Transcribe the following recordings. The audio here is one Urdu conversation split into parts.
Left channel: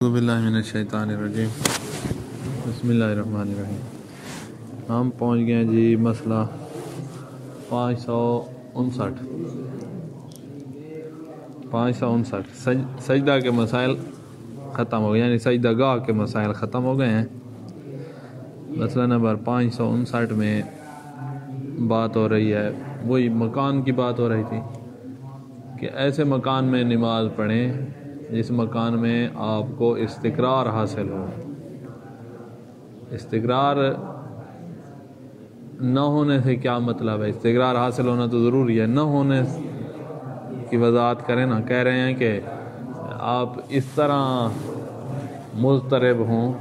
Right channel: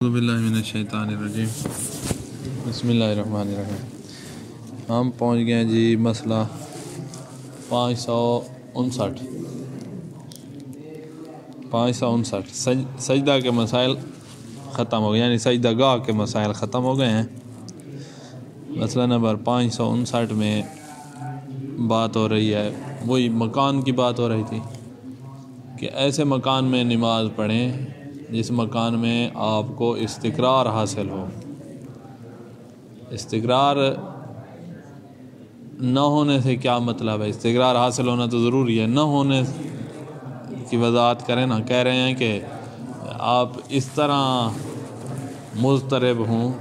اعوذ باللہ من الشیطان الرجیم بسم اللہ الرحمن الرحیم۔ ہم پہنچ گئے جی مسئلہ 559 سجدہ کے مسائل ختم ہو گئے، یعنی سجدہ گاہ کے مسائل ختم ہو گئے ہیں۔ مسئلہ نمبر 559 میں بات ہو رہی ہے، وہی مکان کی بات ہو رہی تھی کہ ایسے مکان میں نماز پڑھیں جس مکان میں آپ کو استقرار حاصل ہو۔ استقرار نہ ہونے سے کیا مطلب ہے؟ استقرار حاصل ہونا تو ضروری ہے، نہ ہونے کی وضاحت کریں نا۔ کہہ رہے ہیں کہ آپ اس طرح مضطرب ہوں،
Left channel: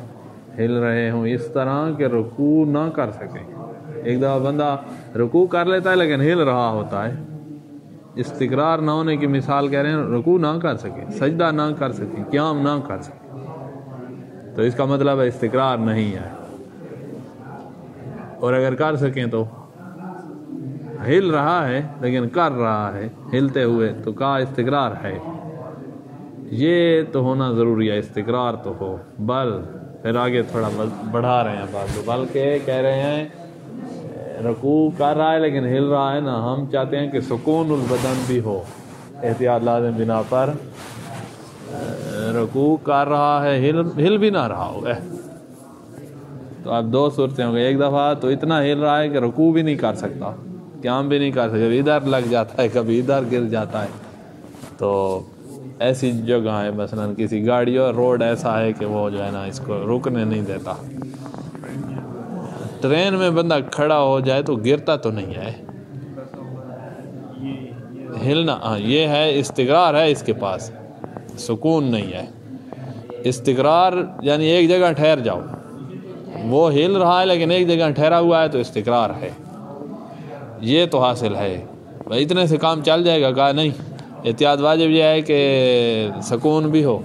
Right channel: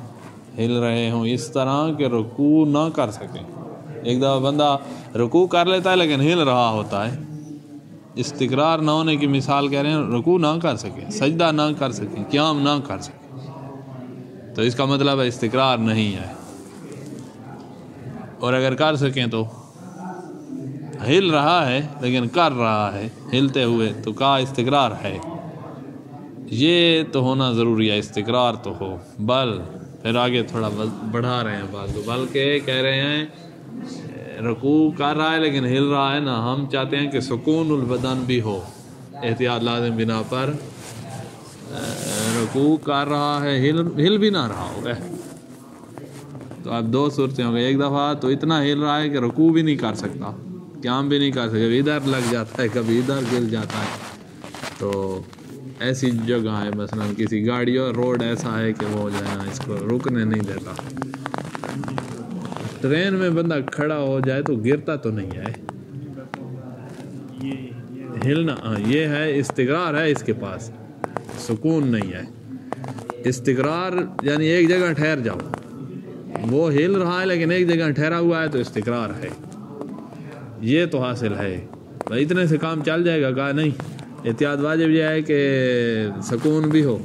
ہل رہے ہوں اس طرح کہ رکوع نہ کر سکیں۔ ایک دفعہ بندہ رکوع کر لیتا ہے لیکن ہل رہا ہوتا ہے۔ استقرار نہ ہونے کی مثال کہہ رہے ہیں، رکوع نہ کر سکیں، سجدہ نہ کر سکیں، قیام نہ کر سکیں، تو اس کا مطلب ہے استقرار نہیں ہے۔ اور اگر کر سکیں تو ہل رہا ہے لیکن کر رہا ہے ہلتے ہوئے، تو کہا استقرار ہے۔ یہ تو ہونا ضروری ہے، استقرار تو ہو۔ بل پھر آگے تھوڑا بڑھا رہے ہیں بات کو، بلکہ کہہ رہے ہیں رکوع کر رہا ہے لیکن ہل رہا ہے نا، ہم چاہتے ہیں کہ سکون البدن بھی ہو، احتیاط لازم بنا پر رکوع کر رہا ہے ہل بھی نہ رہا ہو۔ تو اب دو صورتیں ہوں گے، ایک دفعہ تو اتنا ہل رہا ہے کہ رکوع بھی نہیں کر سکتا، قیام بھی نہیں کر سکتا، کبھی ادھر لگ جاتا ہے کبھی ادھر گر جاتا ہے۔ تو ایسی جگہ ہے، مثلا کسی گاڑی اور روڈ ایسا ہے کہ وہ جو ہے نا اس کو رکنے نہیں دیتا۔ ٹرین میں بندہ کھڑا ہو جائے تو گرتا تو نہیں ہے، ہلنا یہ ہے استقرار ہے اس کے پاس، سکون نہیں ہے۔ استقرار یعنی ایک جگہ ٹھہر جاؤ، وہ ہل رہا ہے لیکن ایک جگہ ٹھہرا ہوا ہے تو استقرار ہے، یہ تو حاصل ہے۔ بھائی اتنے سے کام چل جائے گا؟ کہا نہیں، احتیاط واجب یہ ہے کہ سکون بھی ہو۔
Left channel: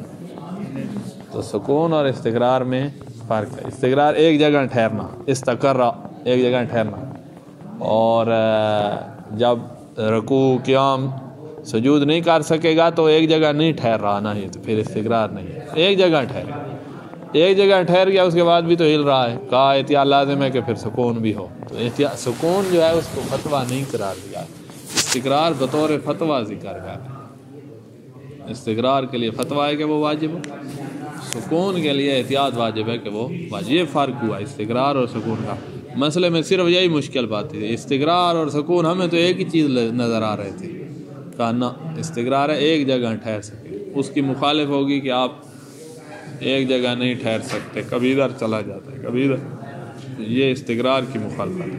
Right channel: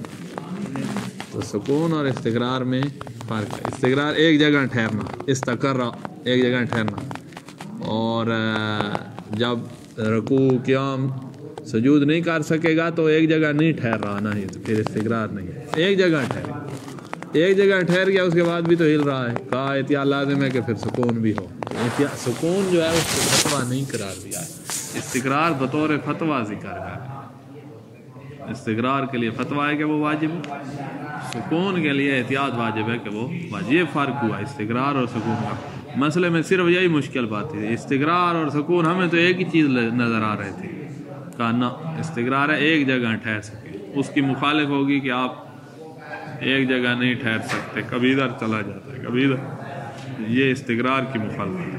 تو سکون اور استقرار میں فرق ہے۔ استقرار ایک جگہ ٹھہرنا، استقرا ایک جگہ ٹھہرنا، اور جب رکوع قیام سجود نہیں کر سکے گا تو ایک جگہ نہیں ٹھہر رہا، نہیں تو پھر استقرار نہیں ہے۔ ایک جگہ ٹھہر گیا اس کے بعد بھی تو ہل رہا ہے، کہا احتیاط لازم ہے کہ پھر سکون بھی ہو۔ سکون جو ہے اس کو فتویٰ نہیں قرار دیا، استقرار بطور فتویٰ ذکر ہے۔ استقرار کے لیے فتویٰ ہے کہ وہ واجب ہو، سکون کے لیے احتیاط واجب ہے کہ وہ واجب۔ یہ فرق ہوا استقرار اور سکون کا۔ مسئلے میں صرف یہی مشکل بات تھی، استقرار اور سکون ہمیں تو ایک ہی چیز نظر آ رہے تھے، کہا نہ استقرار ہے ایک جگہ ٹھہر سکے، اس کی مخالف ہوگی کہ آپ ایک جگہ نہیں ٹھہر سکتے، کبھی ادھر چلا جاتا ہے کبھی ادھر، یہ استقرار کی مخالفت ہے۔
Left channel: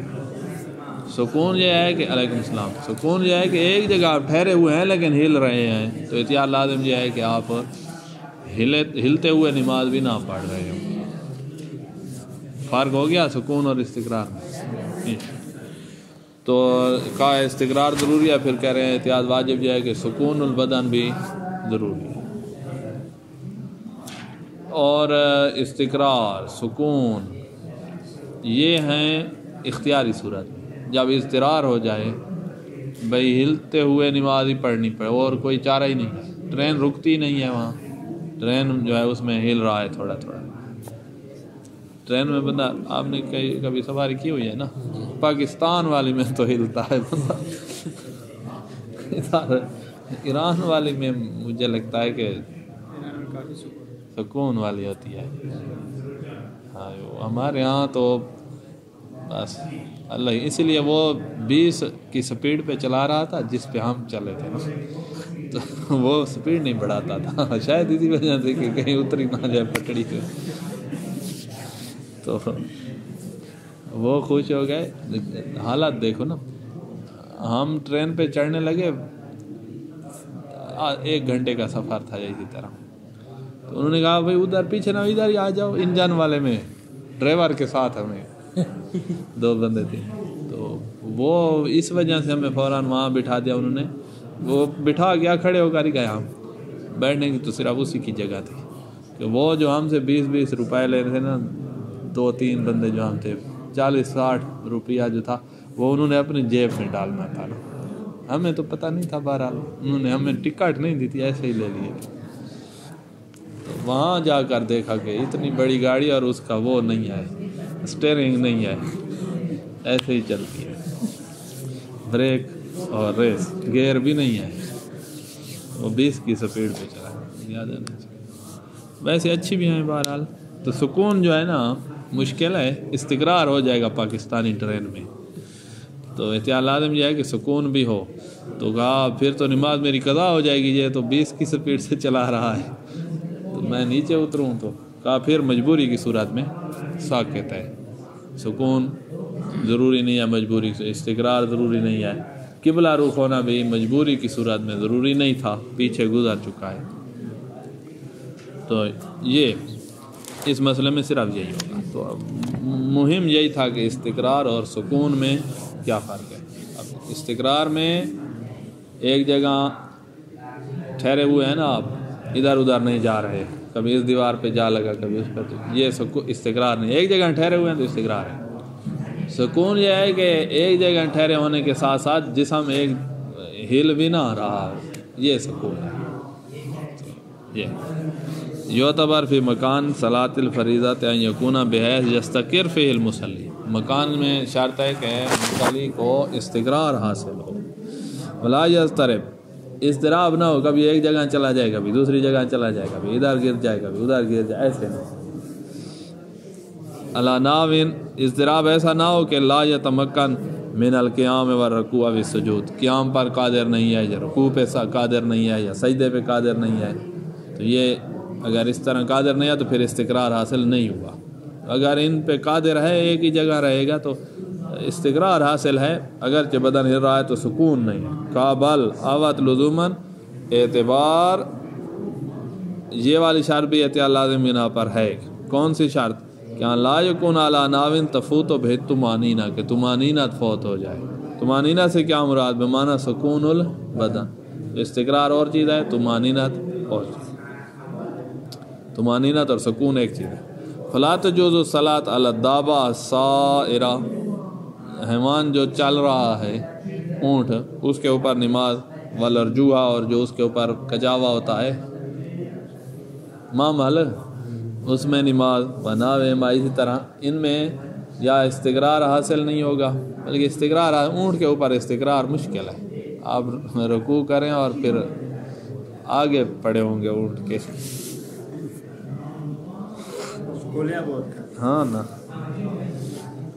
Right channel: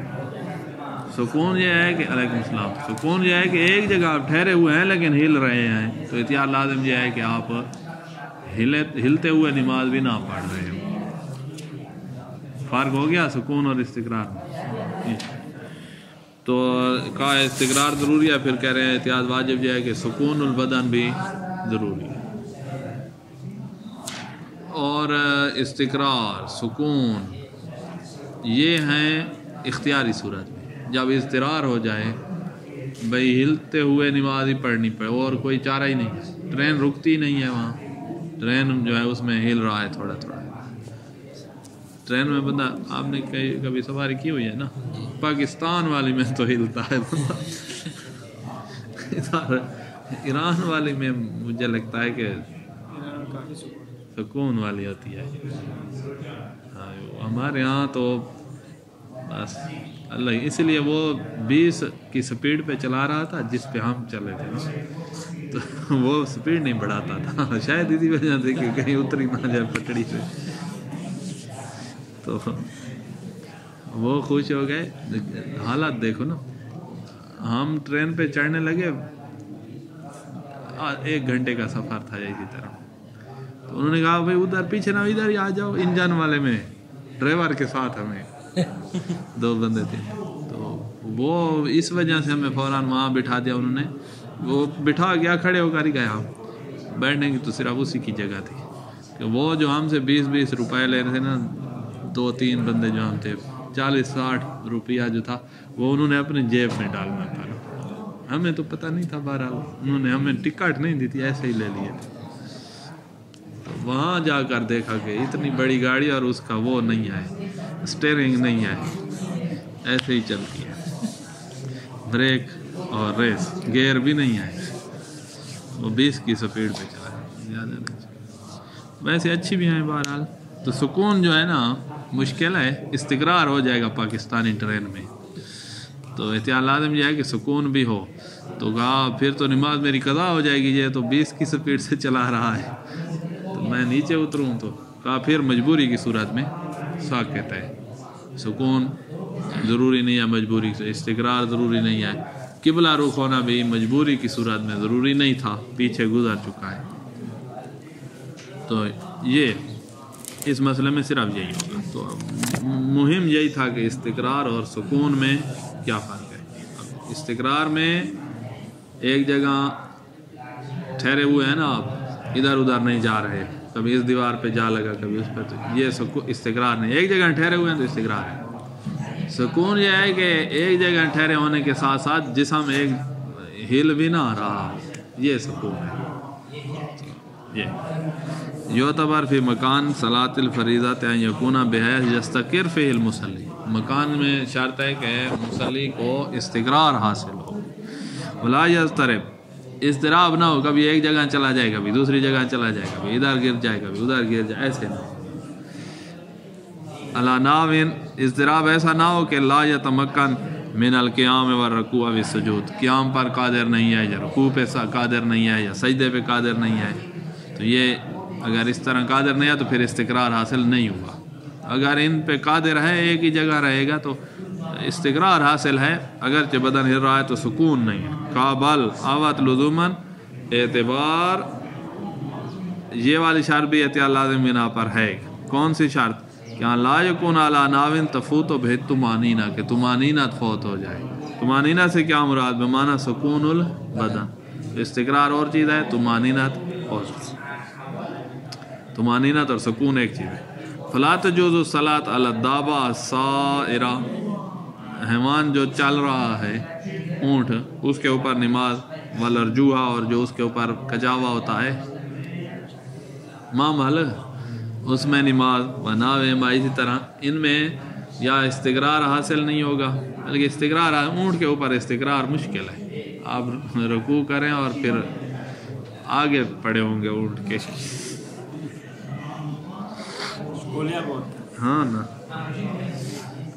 سکون یہ ہے کہ علیکم السلام، سکون یہ ہے کہ ایک جگہ آپ ٹھہرے ہوئے ہیں لیکن ہل رہے ہیں، تو احتیاط لازم یہ ہے کہ آپ ہلتے ہوئے نماز بھی نہ پڑھ رہے ہوں۔ فرق ہو گیا سکون اور استقرار میں۔ تو کہا استقرار ضروری ہے، پھر کہہ رہے ہیں احتیاط واجب یہ ہے کہ سکون البدن بھی ضروری ہے۔ اور استقرار سکون یہ ہیں اختیاری صورت میں، جب اضطرار ہو جائے بھئی ہلتے ہوئے نماز ہی پڑھنی پڑے اور کوئی چارہ ہی نہیں، ٹرین رکتی نہیں ہے وہاں، ٹرین جو ہے اس میں ہل رہا ہے تھوڑا تھوڑا۔ ٹرین میں بندہ، آپ نے کبھی سواری کی ہوئی ہے نا، پاکستان والی میں تو ہلتا ہے بندہ، ایران والی میں مجھے لگتا ہے کہ سکون والی ہوتی ہے۔ ہاں ہمارے ہاں تو بس اللہ، اس لیے وہ 20 کی سپیڈ پہ چلا رہا تھا جس پہ ہم چلے تھے، تو وہ سپیڈ نہیں بڑھاتا تھا، شاید اسی وجہ سے کہ کہیں اتری نہ جائے پٹڑی سے، تو وہ خوش ہو گئے۔ حالات دیکھو نا، ہم ٹرین پہ چڑھنے لگے، 1 گھنٹے کا سفر تھا اسی طرح، تو انہوں نے کہا بھائی ادھر پیچھے نہ ادھر ہی آ جاؤ، انجن والے میں ڈرائیور کے ساتھ ہمیں 2 بندے تھے، تو وہ اس وجہ سے ہمیں فوراً وہاں بٹھا دیا انہوں نے، وہ بٹھا گیا، کھڑے ہو کر ہی گئے، ہم بیٹھنے کی تو صرف اسی کی جگہ تھی کہ وہ جو ہم سے 20-20 روپے لے رہے تھے نا، 2-3 بندے جو ہم تھے، 40-60 روپیہ جو تھا وہ انہوں نے اپنے جیب میں ڈالنا تھا، ہمیں تو پتہ نہیں تھا، بہرحال انہوں نے ہمیں ٹکٹ نہیں دی تھی، ایسے ہی لے لیے تھے۔ تو وہاں جا کر دیکھا کہ اتنی بڑی گاڑی اور اس کا وہ نہیں ہے، اسٹیئرنگ نہیں ہے، ایسے ہی چلتی ہے، بریک اور ریس گیئر بھی نہیں ہے، وہ 20 کی سپیڈ پہ چلا ہے، زیادہ نہیں۔ ویسے اچھی بھی ہیں بہرحال۔ تو سکون جو ہے نا مشکل ہے، استقرار ہو جائے گا پاکستانی ٹرین میں، تو احتیاط لازم یہ ہے کہ سکون بھی ہو۔ تو کہا پھر تو نماز میری قضا ہو جائے گی، یہ تو 20 کی سپیڈ سے چلا رہا ہے، تو میں نیچے اتروں، تو کہا پھر مجبوری کی صورت میں ساکت ہے، سکون ضروری نہیں ہے، مجبوری سے استقرار ضروری نہیں ہے، قبلہ رخ ہونا بھی مجبوری کی صورت میں ضروری نہیں تھا، پیچھے گزر چکا ہے۔ تو یہ اس مسئلے میں صرف یہی ہوگا۔ تو مہم یہی تھا کہ استقرار اور سکون میں کیا فرق ہے۔ اب استقرار میں ایک جگہ ٹھہرے ہوئے ہیں نا آپ، ادھر ادھر نہیں جا رہے، کبھی اس دیوار پہ جا لگا کبھی اس پہ، تو یہ استقرار نہیں، ایک جگہ ٹھہرے ہوئے ہیں تو استقرار ہے۔ سکون یہ ہے کہ ایک جگہ ٹھہرے ہونے کے ساتھ ساتھ جسم ایک ہل بھی نہ رہا ہو، یہ سکون ہے۔ یہ یعتبر فی مکان صلاۃ الفریضۃ ان یکون بحیث یستقر فیہ المصلی، مکان میں شرط ہے کہ مصلی کو استقرار حاصل ہو، ولا یضطرب، اضطراب نہ ہو، کبھی ایک جگہ چلا جائے کبھی دوسری جگہ چلا جائے، کبھی ادھر گر جائے کبھی ادھر گر جائے، ایسے نہ ہو۔ علی ناوین، اضطراب ایسا نہ ہو کہ لا یتمکن من القیام والرکوع والسجود، قیام پر قادر نہیں ہے یا رکوع پہ قادر نہیں ہے یا سجدے پہ قادر نہیں ہے، تو یہ اگر اس طرح قادر نہیں ہے تو پھر استقرار حاصل نہیں ہوا۔ اگر ان پہ قادر ہے، ایک ہی جگہ رہے گا تو استقرار حاصل ہے، اگرچہ بدن ہل رہا ہے تو سکون نہیں ہے۔ کابل آوت لزوماً اعتبار، یہ والی شرط بھی احتیاط لازم بنا پر ہے۔ کون سی شرط؟ کہ لا یکون علی ناوین تفوت بہ طمانینہ، کہ طمانینہ فوت ہو جائے۔ طمانینہ سے کیا مراد؟ بمعنی سکون البدن، استقرار اور چیز ہے، طمانینت اور چیز، طمانینت اور سکون ایک چیز ہے۔ فلا تجوز الصلاۃ علی الدابہ السائرہ، حیوان جو چل رہا ہے، اونٹ، اس کے اوپر نماز، والارجوحہ، اور جو اس کے اوپر کجاوا ہوتا ہے مامل، اس میں نماز، وناوہما، اسی طرح ان میں یا استقرار حاصل نہیں ہوگا، بلکہ استقرار اونٹ کے اوپر استقرار مشکل ہے، آپ رکوع کریں اور پھر آگے پڑے ہوں گے اونٹ کے، ہاں نا۔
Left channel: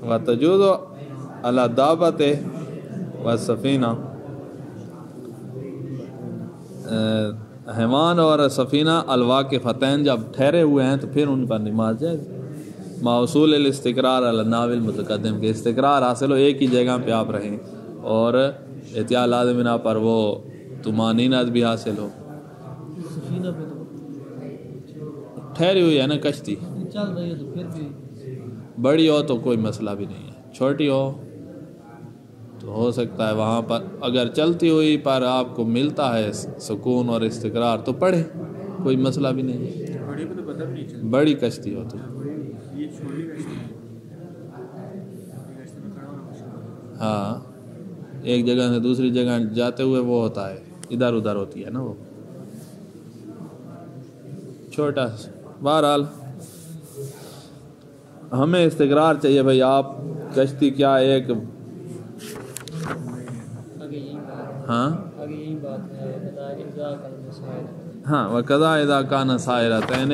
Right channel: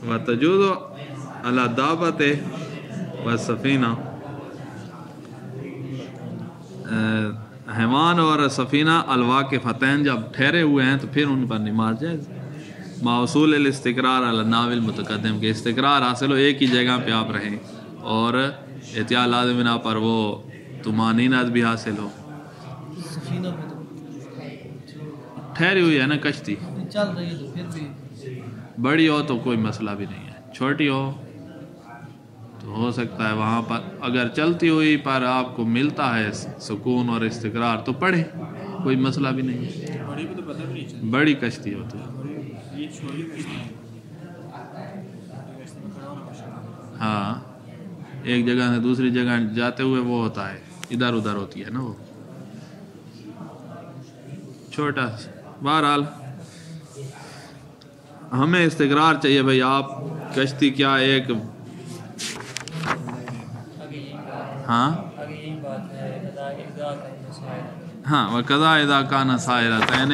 وتجوز علی الدابۃ والسفینہ، حیوان اور سفینہ الواقفتین جب ٹھہرے ہوئے ہیں تو پھر ان پر نماز جائز، موصول الاستقرار علی الناو المتقدم، کے استقرار حاصل ہو، ایک ہی جگہ پہ آپ رہیں، اور احتیاط لازم بنا پر وہ طمانینت بھی حاصل ہو۔ سفینہ پہ تو ٹھہری ہوئی ہے نا کشتی، چل رہی ہے تو پھر بھی بڑی ہو تو کوئی مسئلہ بھی نہیں ہے، چھوٹی ہو تو ہو سکتا ہے وہاں پر اگر چلتی ہوئی پر آپ کو ملتا ہے سکون اور استقرار تو پڑھے، کوئی مسئلہ بھی نہیں ہے، بڑی پہ تو پتہ بھی نہیں چلتا، بڑی کشتی ہو تو یہ چھوٹی کشتی ہاں، ایک جگہ سے دوسری جگہ جاتے ہوئے وہ ہوتا ہے، ادھر ادھر ہوتی ہے نا وہ چھوٹا۔ بہرحال ہمیں استقرار چاہیے بھائی، آپ کشتی کیا ایک، ہاں ہاں، وقضا اذا کان سائرتین،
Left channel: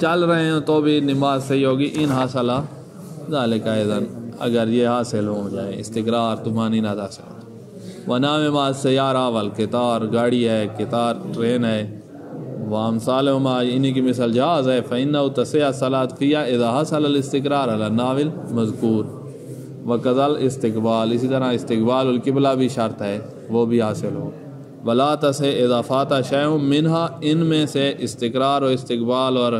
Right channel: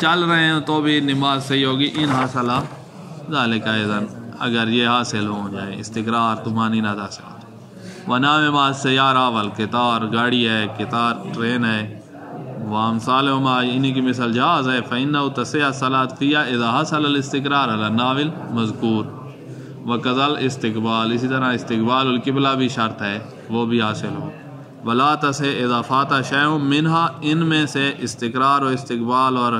چل رہے ہیں تو بھی نماز صحیح ہوگی، ان حاصل ذالک اذن، اگر یہ حاصل ہو جائے استقرار، طمانینت حاصل ہو جائے۔ ونام ما السیارہ والقطار، گاڑی ہے، قطار ٹرین ہے، وامثالہما، انہی کی مثال جہاز ہے، فإنہ تصح الصلاۃ فیہا اذا حصل الاستقرار علی الناو المذکور، وقضا الاستقبال، اسی طرح استقبال القبلہ بھی شرط ہے، وہ بھی حاصل ہو۔ ولا تصح اذا فات شیء منہا، ان میں سے استقرار و استقبال اور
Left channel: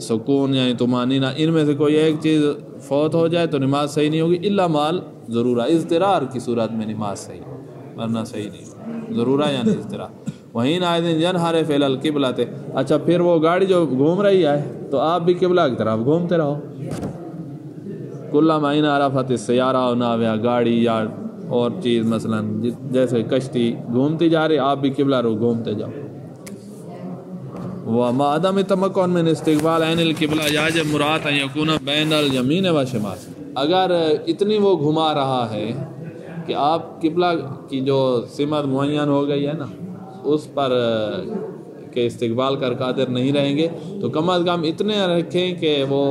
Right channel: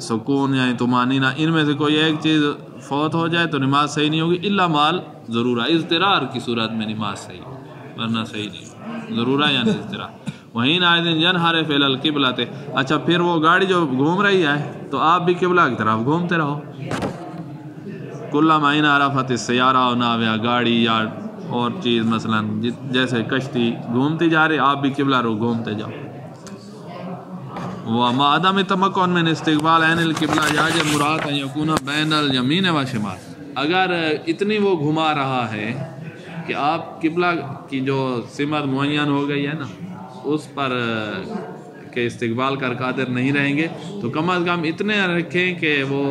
سکون یعنی طمانینہ، ان میں سے کوئی ایک چیز فوت ہو جائے تو نماز صحیح نہیں ہوگی، الا مال ضرورہ، اضطرار کی صورت میں نماز صحیح ہو، ورنہ صحیح نہیں، ضرورہ یعنی اضطرار۔ وہیں نائدن ینحرف الی القبلہ، اچھا پھر وہ گاڑی جو گھوم رہی ہے تو آپ بھی قبلہ کی طرف گھومتے رہو، کلما انحرفت السیارہ و ناویہ، گاڑی یا اور چیز مثلا جیسے کشتی گھومتی جا رہی، آپ بھی قبلہ رو گھومتے جاؤ۔ وما عدم تمکن من استقبال عین القبلہ یاجب مراد ان یکون بین الیمین و شمال. اگر اتنی وہ گھما رہا ہے کہ آپ قبلہ کی جو سمت معین ہو گئی ہے نا اس پر کہ استقبال کر قادر نہیں رہیں گے تو کم از کم اتنے رکھیں کہ وہ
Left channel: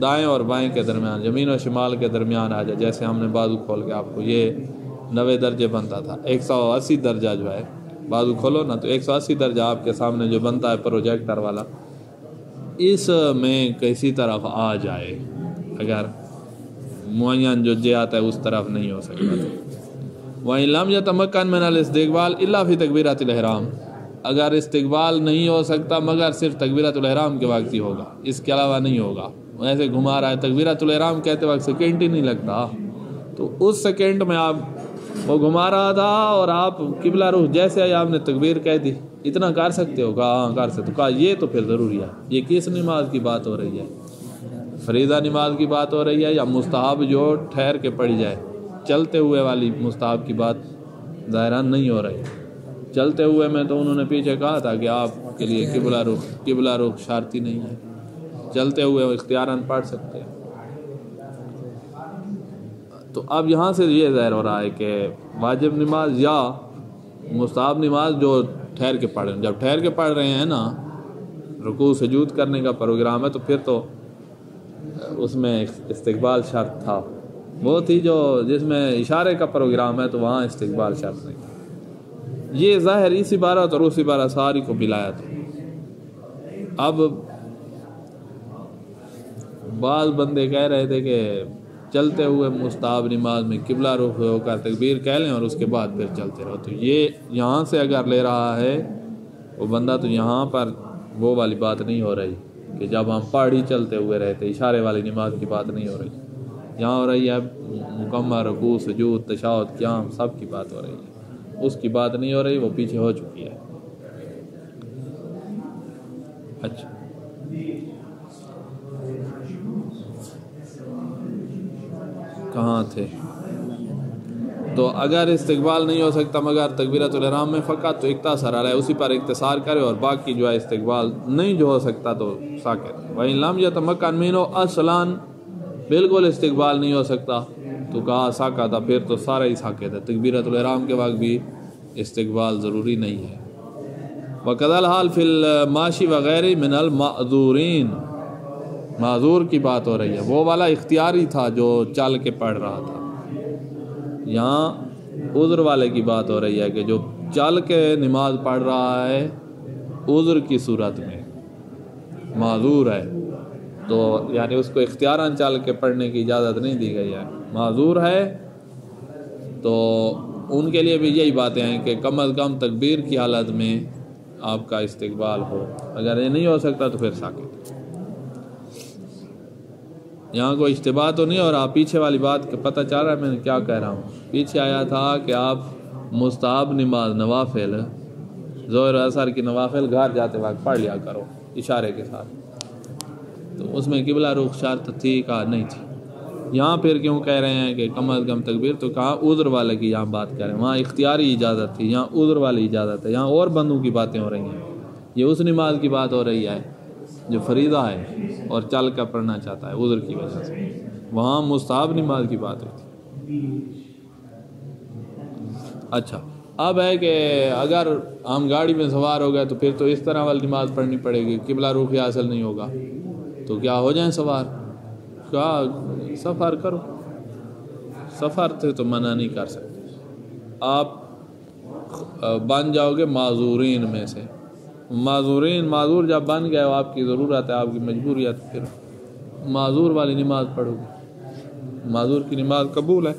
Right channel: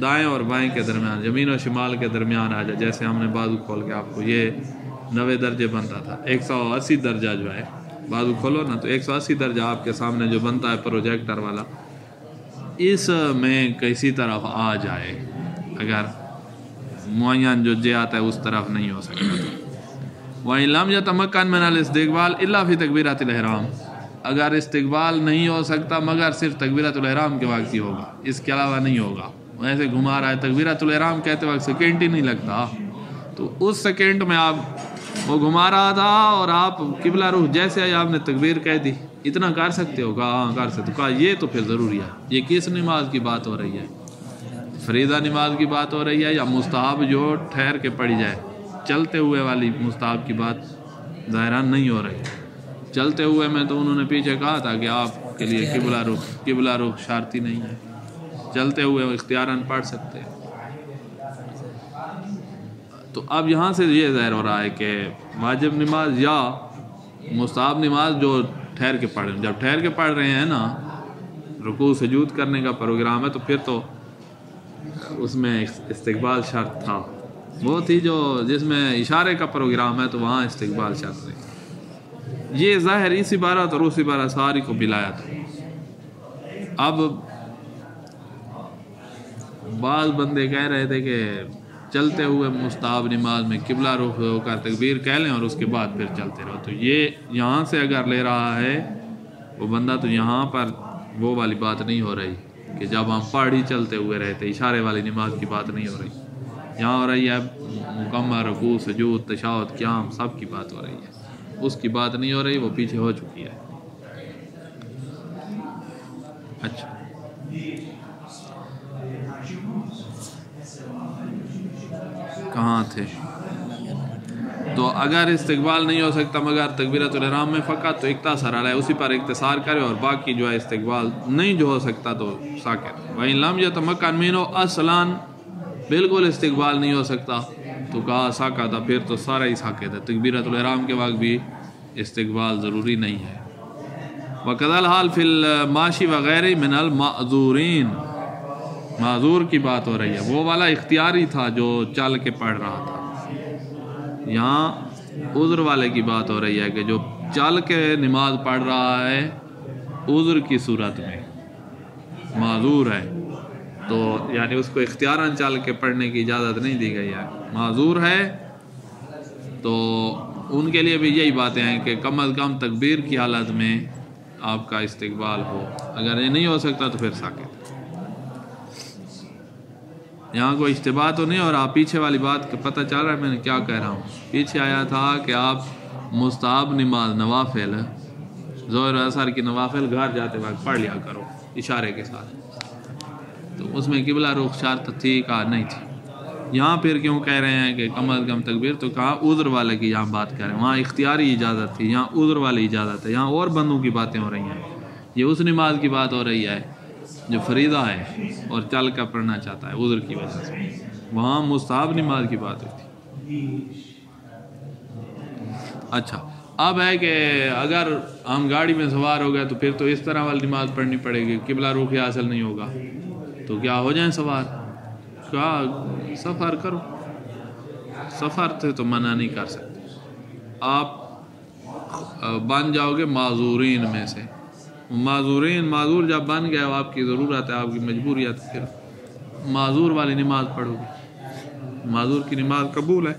دائیں اور بائیں کے درمیان یمین و شمال کے درمیان آ جائے. جیسے ہم نے بازو کھول کے آپ کو یہ 90 درجے بنتا تھا 180 درجہ جو ہے بازو کھولو نا تو 180 درجہ آپ کے سامنے جو بنتا ہے پروجیکٹر والا اس میں کسی طرف آ جائے. اگر معین جو جہت ہے اس طرف نہیں ہو سکتا تو وَإِن لَمْ يَتَمَكَّنْ مِنَ الْإِسْتِقْبَالِ إِلَّا فِي تَكْبِيرَةِ الْإِحْرَامِ. اگر استقبال نہیں ہو سکتا مگر صرف تکبیرۃ الحرام کے وقت ہی ہوگا, اس کے علاوہ نہیں ہوگا. ایسے گھما رہا ہے تکبیرۃ الحرام کہتے وقت سیکنڈ ہی نہیں لگتا تو اس سیکنڈ میں آپ وہ گھما رہا تھا اور آپ قبلہ رخ جیسے آپ نے تکبیر کہہ دی اتنا کر سکتے ہو. کہا ہاں کر سکتے. کہا یہ تو پھر ضروری ہے. یہ کس نماز کی بات ہو رہی ہے؟ فریضہ نماز کی بات ہو رہی ہے یا مستحب جو ٹھہر کے پڑھی جائے؟ چلتے ہوئے والی مستحب کی بات ظاہراً نہیں ہو رہی. چلتے ہوئے میں تو انہوں نے پیچھے کہا تھا کہ آپ کے لیے قبلہ رخ شرطی نہیں ہے, چلتے ہوئے اختیاراً پڑھ سکتے ہیں. تو اب یہاں سے یہ ظاہر ہو رہا ہے کہ واجب نماز یا مستحب نماز جو ٹھہر کے پڑھ رہے ہیں, جب ٹھہر کے پڑھ رہے ہیں نا رکوع سجود کرنے کا پروگرام ہے تو پھر تو اس میں استقبال شرط تھا. وہ تھی جو جس میں اشارے کا پروگرام ہے تو وہاں استقبال شرط نہیں. یہ ظاہر اس عبارت اور اس عبارت ساری کو ملایا تھا. اب بعض بندے کہہ رہے تھے کہ چلتے ہوئے مستحب نماز میں قبلہ رخ ہو کر تکبیر کہہ لیں اور اس کے بعد پھر چلتے رہو. تو یہ یہاں سے اگر لے رہا ہے وہ بندہ تو یہاں پر وہ والی بات نہیں ہو رہی کہ جب ہم پڑھ ہی چلتے ہوئے رہتے, اشارے والی نماز کی بات نہیں ہو رہی. یہاں ہو رہی ہے مکمل رکوع سجود تشہد قیام سب کی بات ہو رہی ہے. اس کی بات نہیں ہو رہی, وہ پیچھے ہو چکی ہے. اچھا کہاں تھے؟ تو اگر استقبال نہیں ہو سکتا مگر تکبیرۃ الحرام میں فقط تو اقتصار علیہ اسی پر اقتصار کرے اور باقی جو ہے استقبال نہیں جو ہو سکتا تو ساکت. وَإِن لَمْ يَتَمَكَّنْ مِنْهُ اصلاً بالکل استقبال نہیں ہو سکتا تو کہا ساکت تھا پھر تو سارا ہی ساکت ہے. تکبیرۃ الحرام کے وقت بھی استقبال ضروری نہیں ہے. وَكَذَا الْحَالُ فِي الْمَاشِي وَغَيْرِهِ مِنَ الْمَعْذُورِينَ. معذور کی بات ہو رہی ہے, وہ والا اختیاری تھا جو چل کے پڑھ رہا تھا. یہاں عذر والے کی بات ہو رہی ہے کہ جو چل کے نماز پڑھ رہا ہے عذر کی صورت میں معذور ہے تو یعنی اس کو اختیاراً چل کے پڑھنے کی اجازت نہیں دی گئی ہے. معذور ہے تو ان کے لیے بھی یہی باتیں ہیں کہ کم از کم تکبیر کی حالت میں آپ کا استقبال ہو. اگر یہ نہیں ہو سکتا تو پھر ساکت. یہاں کوئی اشتباہ تو نہیں. اور آپ پیچھے والی بات کا پتہ چل رہا ہے میں نے کیا کہہ رہا ہوں؟ پیچھے آیا تھا کہ آپ مستحب نماز نوافل ظہر اثر کی نوافل گھر جاتے وقت پڑھ لیا کرو اشارے کے ساتھ. تو اس میں قبلہ رخ شرط تھی کا نہیں تھی. یہاں پھر کیوں کہہ رہے ہیں کہ کم از کم تکبیر؟ تو کہا عذر والے کی یہاں بات کر رہے ہیں. وہاں اختیاری اجازت تھی, یہاں عذر والی اجازت ہے. یہاں اور بندوں کی باتیں ہو رہی ہیں. یہ اس نماز کی بات ہو رہی ہے جو فریضہ ہے اور چل کر پڑھنا چاہتا ہے عذر کی وجہ سے. وہاں مستحب نماز کی بات ہوئی تھی. اچھا اب ہے کہ اگر ہم گاڑی میں سوار ہو گئے تو پھر تو اس طرح والی نماز پڑھنی پڑے گی. قبلہ رخ حاصل نہیں ہوگا تو کیا ہو جائیں سوار؟ کیا سفر کرو. سفر سے تو منع نہیں کر سکتے. آپ بن جاؤ گے معذورین میں سے. معذور جب بن گئے آپ کی ضرورت ہے آپ کی مجبوریت ہے پھر معذور والی نماز پڑھو گے. معذور کی نماز قبول ہے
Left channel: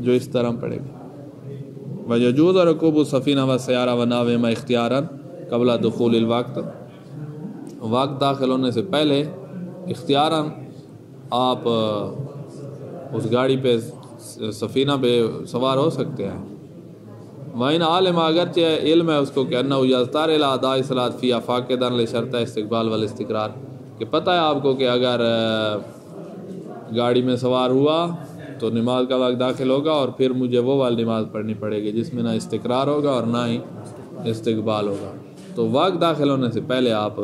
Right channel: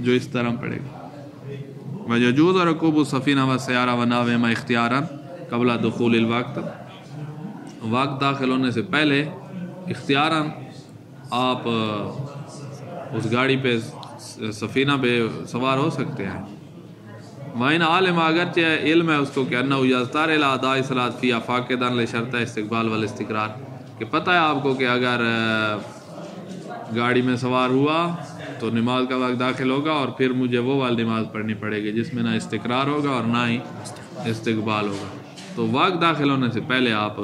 جو اس طرح پڑھے گا. وَيَجُوزُ رُكُوبُ السَّفِينَةِ وَالسَّيَارَةِ وَنَحْوِهِمَا اخْتِيَارًا قبل دخول الوقت. وقت داخل ہونے سے پہلے اختیاراً آپ اس گاڑی پہ سفینہ پہ سوار ہو سکتے ہیں. وَإِنْ عَالِمَ اگرچہ علم ہے اس کو کہ أَنَّهُ يَضْطَرُ إِلَىٰ أَدَاءِ الصَّلَاةِ فِيهَا فَاقِدًا لِشَرْطِ الاستقبال والاستقرار. کہ پتہ ہے آپ کو کہ اگر گاڑی میں سوار ہوا تو نماز کا وقت داخل ہوگا اور پھر مجھے وہ والی نماز پڑھنی پڑے گی جس میں نہ استقرار ہوگا اور نہ ہی استقبال ہوگا. تو وقت داخل ہونے سے پہلے آپ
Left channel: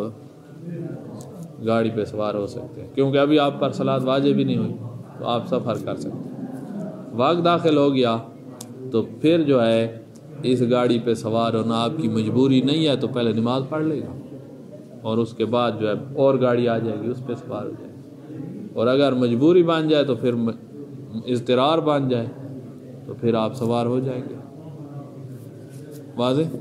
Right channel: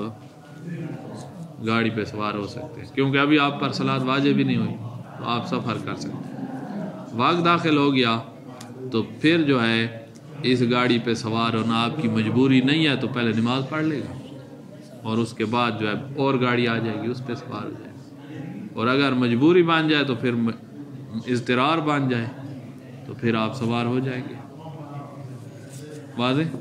گاڑی پہ سوار ہو سکتے ہیں، کیونکہ ابھی آپ پر صلاۃ واجب بھی نہیں ہوئی، تو آپ سفر کر سکتے ہیں۔ وقت داخل ہو گیا تو پھر جو ہے اس گاڑی پہ سوار ہونا آپ کی مجبوری نہیں ہے، تو پہلے نماز پڑھ لے گا اور اس کے بعد جو ہے اور گاڑی آ جائے گی اس پہ سوار ہو جائے گا، اور اگر مجبوری بن جائے تو پھر اضطرار بن جائے تو پھر آپ سوار ہو جائیں گے۔ واضح؟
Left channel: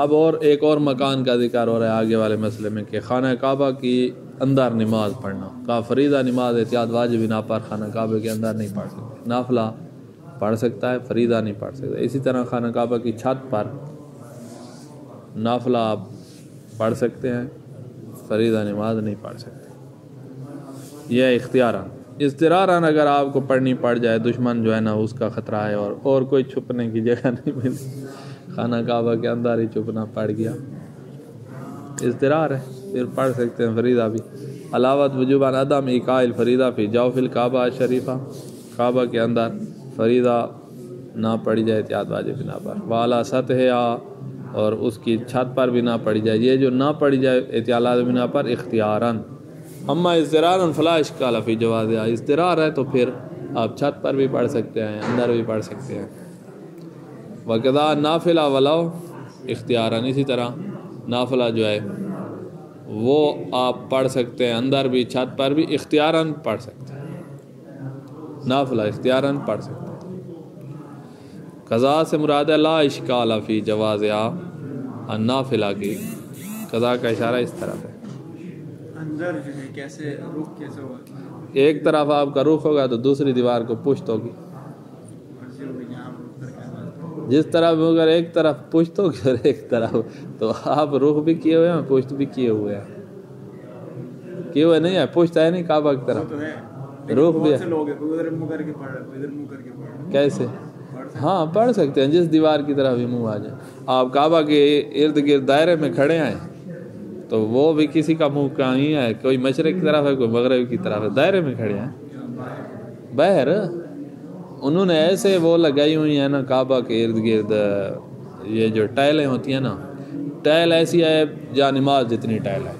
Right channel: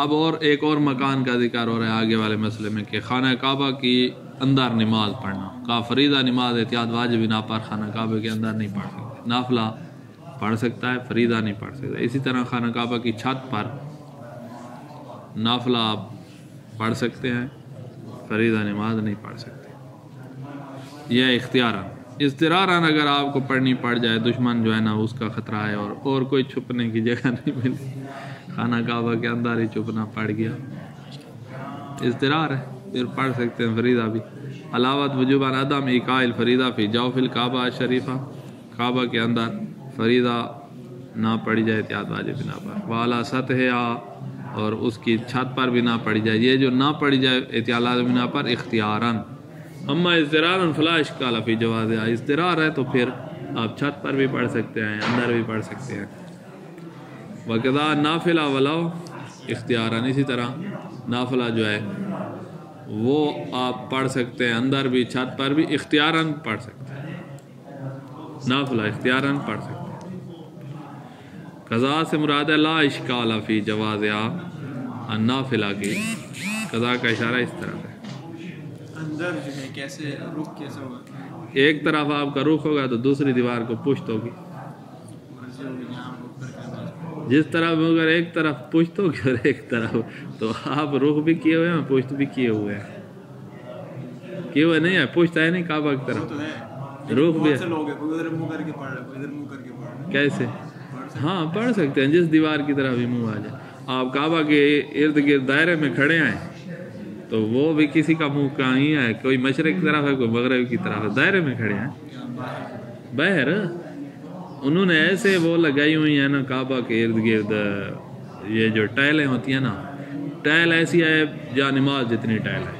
اب اور ایک اور مکان کا ذکر ہو رہا ہے آگے والے مسئلے میں کہ خانہ کعبہ کی اندر نماز پڑھنا، کا فریضہ نماز احتیاط واجب نہ پر خانہ کعبہ کے اندر نہیں پڑھ سکتے، نافلہ پڑھ سکتا ہے، فریضہ نہیں پڑھ سکتا۔ اسی طرح خانہ کعبہ کی چھت پر نافلہ آپ پڑھ سکتے ہیں، فریضہ نماز نہیں پڑھ سکتے، یہ اختیاراً۔ اضطراراً اگر آپ کو پڑھنی پڑ جائے، دشمن جو ہے نا اس کا خطرہ ہے اور کوئی چھپنے کی جگہ نہیں ملتی، خانہ کعبہ کے اندر ہی چھپنا پڑ گیا، اضطرار ہے، پھر پڑھ سکتے ہیں فریضہ بھی۔ علاوت وجوبان عدم ایقاء الفریضہ فی جوف الکعبہ شریفہ، کعبہ کے اندر فریضہ نہ پڑھی جائے احتیاط واجب نہ پر، والا سطح اور اس کی چھت پر بھی نہ پڑھی جائے، یہ جو نہ پڑھی جائے احتیاط واجب نہ پر اختیاراً۔ اما اضطراراً فلا اشکال فی جوازها، اضطرار ہے تو پھر آپ چھت پر بھی پڑھ سکتے ہیں، اندر بھی پڑھ سکتے ہیں۔ وقضاء نافلہ ولو اختیاراً، اسی طرح نافلہ جو ہے وہ آپ پڑھ سکتے ہیں، اندر بھی چھت پر بھی اختیاراً پڑھ سکتے ہیں، نافلہ اختیاراً پڑھ سکتے ہیں۔ قضاء سے مراد ہے لا اشکال فی جوازها، النافلہ کی قضاء کا اشارہ اس طرف ہے۔ اندر جو ہے کیسے رخ کیسے ہوگا؟ ایک طرف آپ کا رخ ہوگا تو دوسری دیوار کو پشت ہوگی، مرضی ہوگی جہاں رخ کر کے نماز پڑھو۔ جس طرف اگر ایک طرف پشت ہوگی اور ایک طرف، تو آپ رخ بھی کیے ہوئے ہیں پشت بھی کیے ہوئے ہیں، کیے ہوئے نہیں ہے، پشت ہے نہیں کعبہ کی طرف، وہ تو ہے، رخ بھی بہت ہے۔ سے لوگ ہیں، کوئی ادھر منہ کر کے پڑھ رہا ہے، کوئی ادھر منہ کر کے پڑھ رہا ہے، کیسے؟ پڑھ سکتے ہاں پڑھ سکتے ہیں، جس دیوار کی طرف بھی منہ آ جائے۔ آپ کعبہ کے ارد گرد دائرے میں کھڑے ہیں تو وہ بھی کسی کا منہ کہیں ہے، کوئی مشرق کی طرف ہے کوئی مغرب کی طرف ہے، دائرے میں کھڑے ہیں باہر۔ انہوں نے ایسے وہ لگائی ہوئی ہیں نا کعبہ کے ارد گرد، یہ جو ٹائلیں ہوتی ہیں نا، ٹائل ایسی ہے جہاں نماز جتنی ٹائل ہے،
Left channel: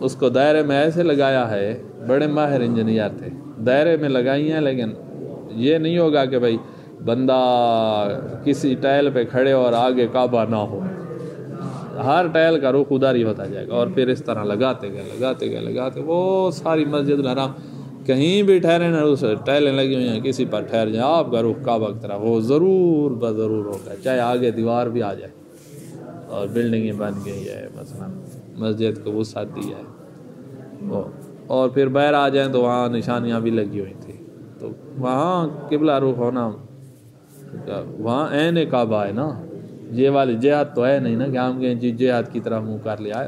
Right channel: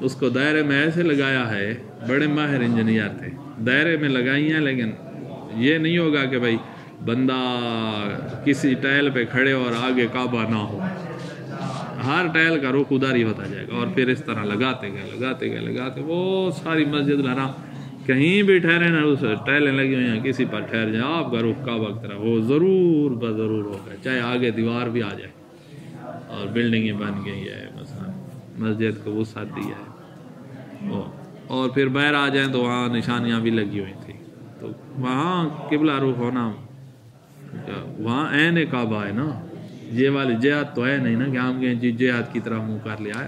اس کو دائرے میں ایسے لگایا ہے، بڑے ماہر انجینئر تھے، دائرے میں لگائی ہیں، لیکن یہ نہیں ہوگا کہ بھائی بندہ کسی ٹائل پہ کھڑے اور آگے کعبہ نہ ہو، ہر ٹائل کا رخ ادھر ہی ہوتا جائے گا، اور پھر اس طرح لگاتے گئے وہ ساری مسجد الحرام کہیں بھی ٹھہرے نا، اس ٹائلیں لگی ہوئی ہیں، کسی پر ٹھہر جائیں آپ کا رخ کعبہ کی طرف وہ ضرور بضرور ہوگا، چاہے آگے دیوار بھی آ جائے اور بلڈنگیں بن گئی ہے، مثلا مسجد کو وسعت دی ہے، اور پھر باہر آ جائیں تو وہاں نشانیاں بھی لگی ہوئی تھی، تو وہاں قبلہ رخ ہونا، وہاں عین کعبہ ہے نا، یہ والی جہاد تو ہے نہیں نا کہ ہم کہیں جی جہاد کی طرف منہ کر لیا ہے،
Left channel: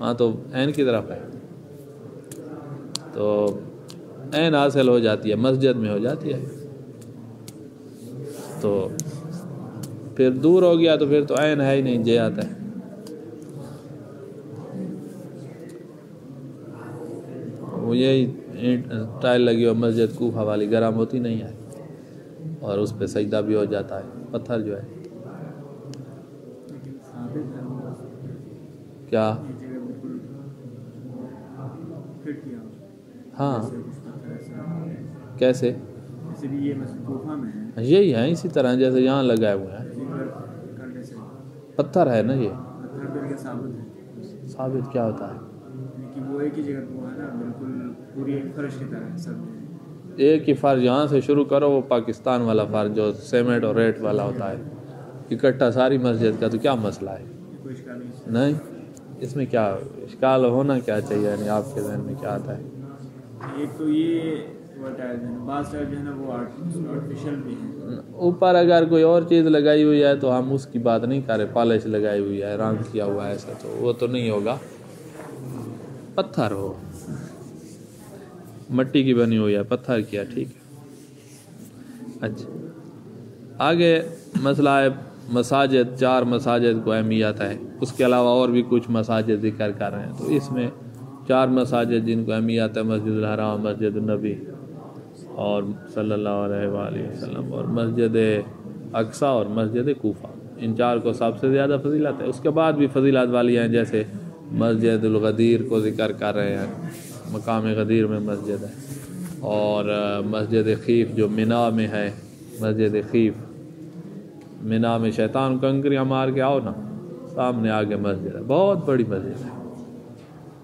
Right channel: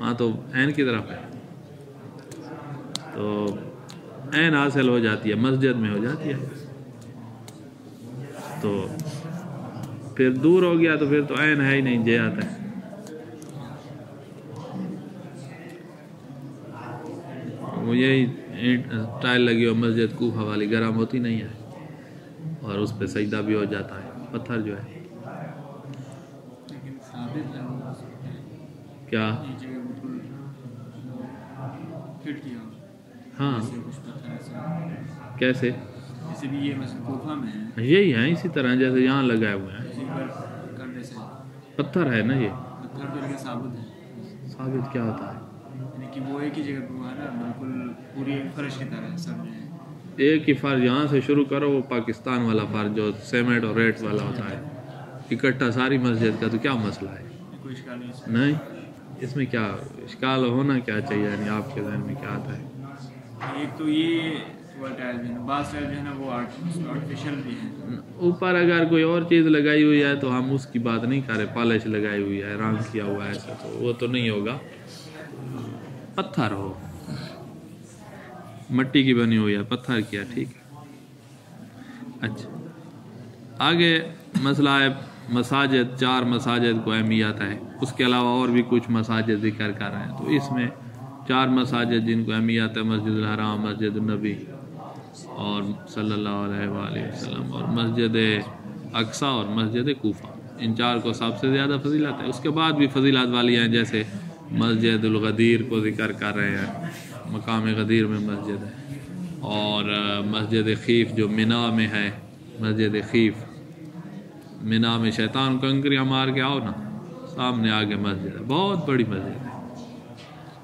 ہاں تو عین کی طرف ہے، تو عین حاصل ہو جاتی ہے، مسجد میں ہو جاتی ہے، تو پھر دور ہو گیا تو پھر تو عین ہے ہی نہیں، جہاد ہے۔ وہ یہی ٹائل لگی ہو مسجد کوفہ والی، گرم ہوتی نہیں ہے اور اس پہ سجدہ بھی ہو جاتا ہے، پتھر جو ہے ثابت ہے کیا، یہ جگہ بالکل فٹ کیا ہو، ہاں جیسے کچھ پتھر ایسے، کیسے، جیسے بھی یہ مسجد کوفہ میں ہے، یہی ہے اسی طرح جیسے یہاں لگائے ہوئے ہیں، اسی پر کرنے سے پتھر ہے نا، یہ پتھر کر کے ثابت ہے، ثابت کیا ہوتا ہے، یعنی کہ وہ ایک ہی جگہ پہ وہ ہے نا، بالکل پوری ایک فرش کی طرح ہے سب جگہ، ایک ہی فرش یہاں سے شروع کرو، وہ پاکستان والا فرش جو سیمنٹ اور ریٹ والا ہوتا ہے، اکٹھا ساری مسجد کا، تو کیا مسئلہ ہے، کوئی اشکال نہیں ہے۔ نہیں اس میں کیا اشکال ہونا کیا چاہیے، یعنی آپ کے ذہن میں کیا آتا ہے، ایک تو یہ ٹائل جو ہے نا، بعض ٹائل جو ہے نا وہ آرٹیفیشل بھی ہیں، اوپر اگر کوئی اور چیز لگائی ہوئی ہے تو ہم اس کی بات نہیں کر رہے، پالش لگائی ہوئی ہے، رنگ کیا ہوا ہے ایسا، تو وہ تو نہیں ہوگا، پتھر ہو، مٹی کی بنی ہوئی ہے، پتھر کیا، ٹھیک ہے۔ اچھا آگے مسئلہ ہے مساجد، 4 مساجد کو اہمیت ہے، اس کے علاوہ اور بھی کچھ مساجد ذکر کر رہے ہیں، تو اس میں 4 مساجد جن کو اہمیت ہے، مسجد الحرام، مسجد النبی، اور صلی اللہ علیہ وآلہ وسلم، اور مسجد اقصیٰ اور مسجد کوفہ، ان 4 کو سب سے زیادہ فضیلت ہے۔ اس کے بعد بھی فضیلت والی ہیں، جیسے مسجد الغدیر کو ذکر کر رہے ہیں، مقام غدیر میں مسجد ہے، اور مسجد خیف جو منا میں ہے، مسجد خیف منا میں شیطان کنکریاں مار کے آؤ نا، سامنے آگے مسجد ہے، بہت بڑی مسجد ہے،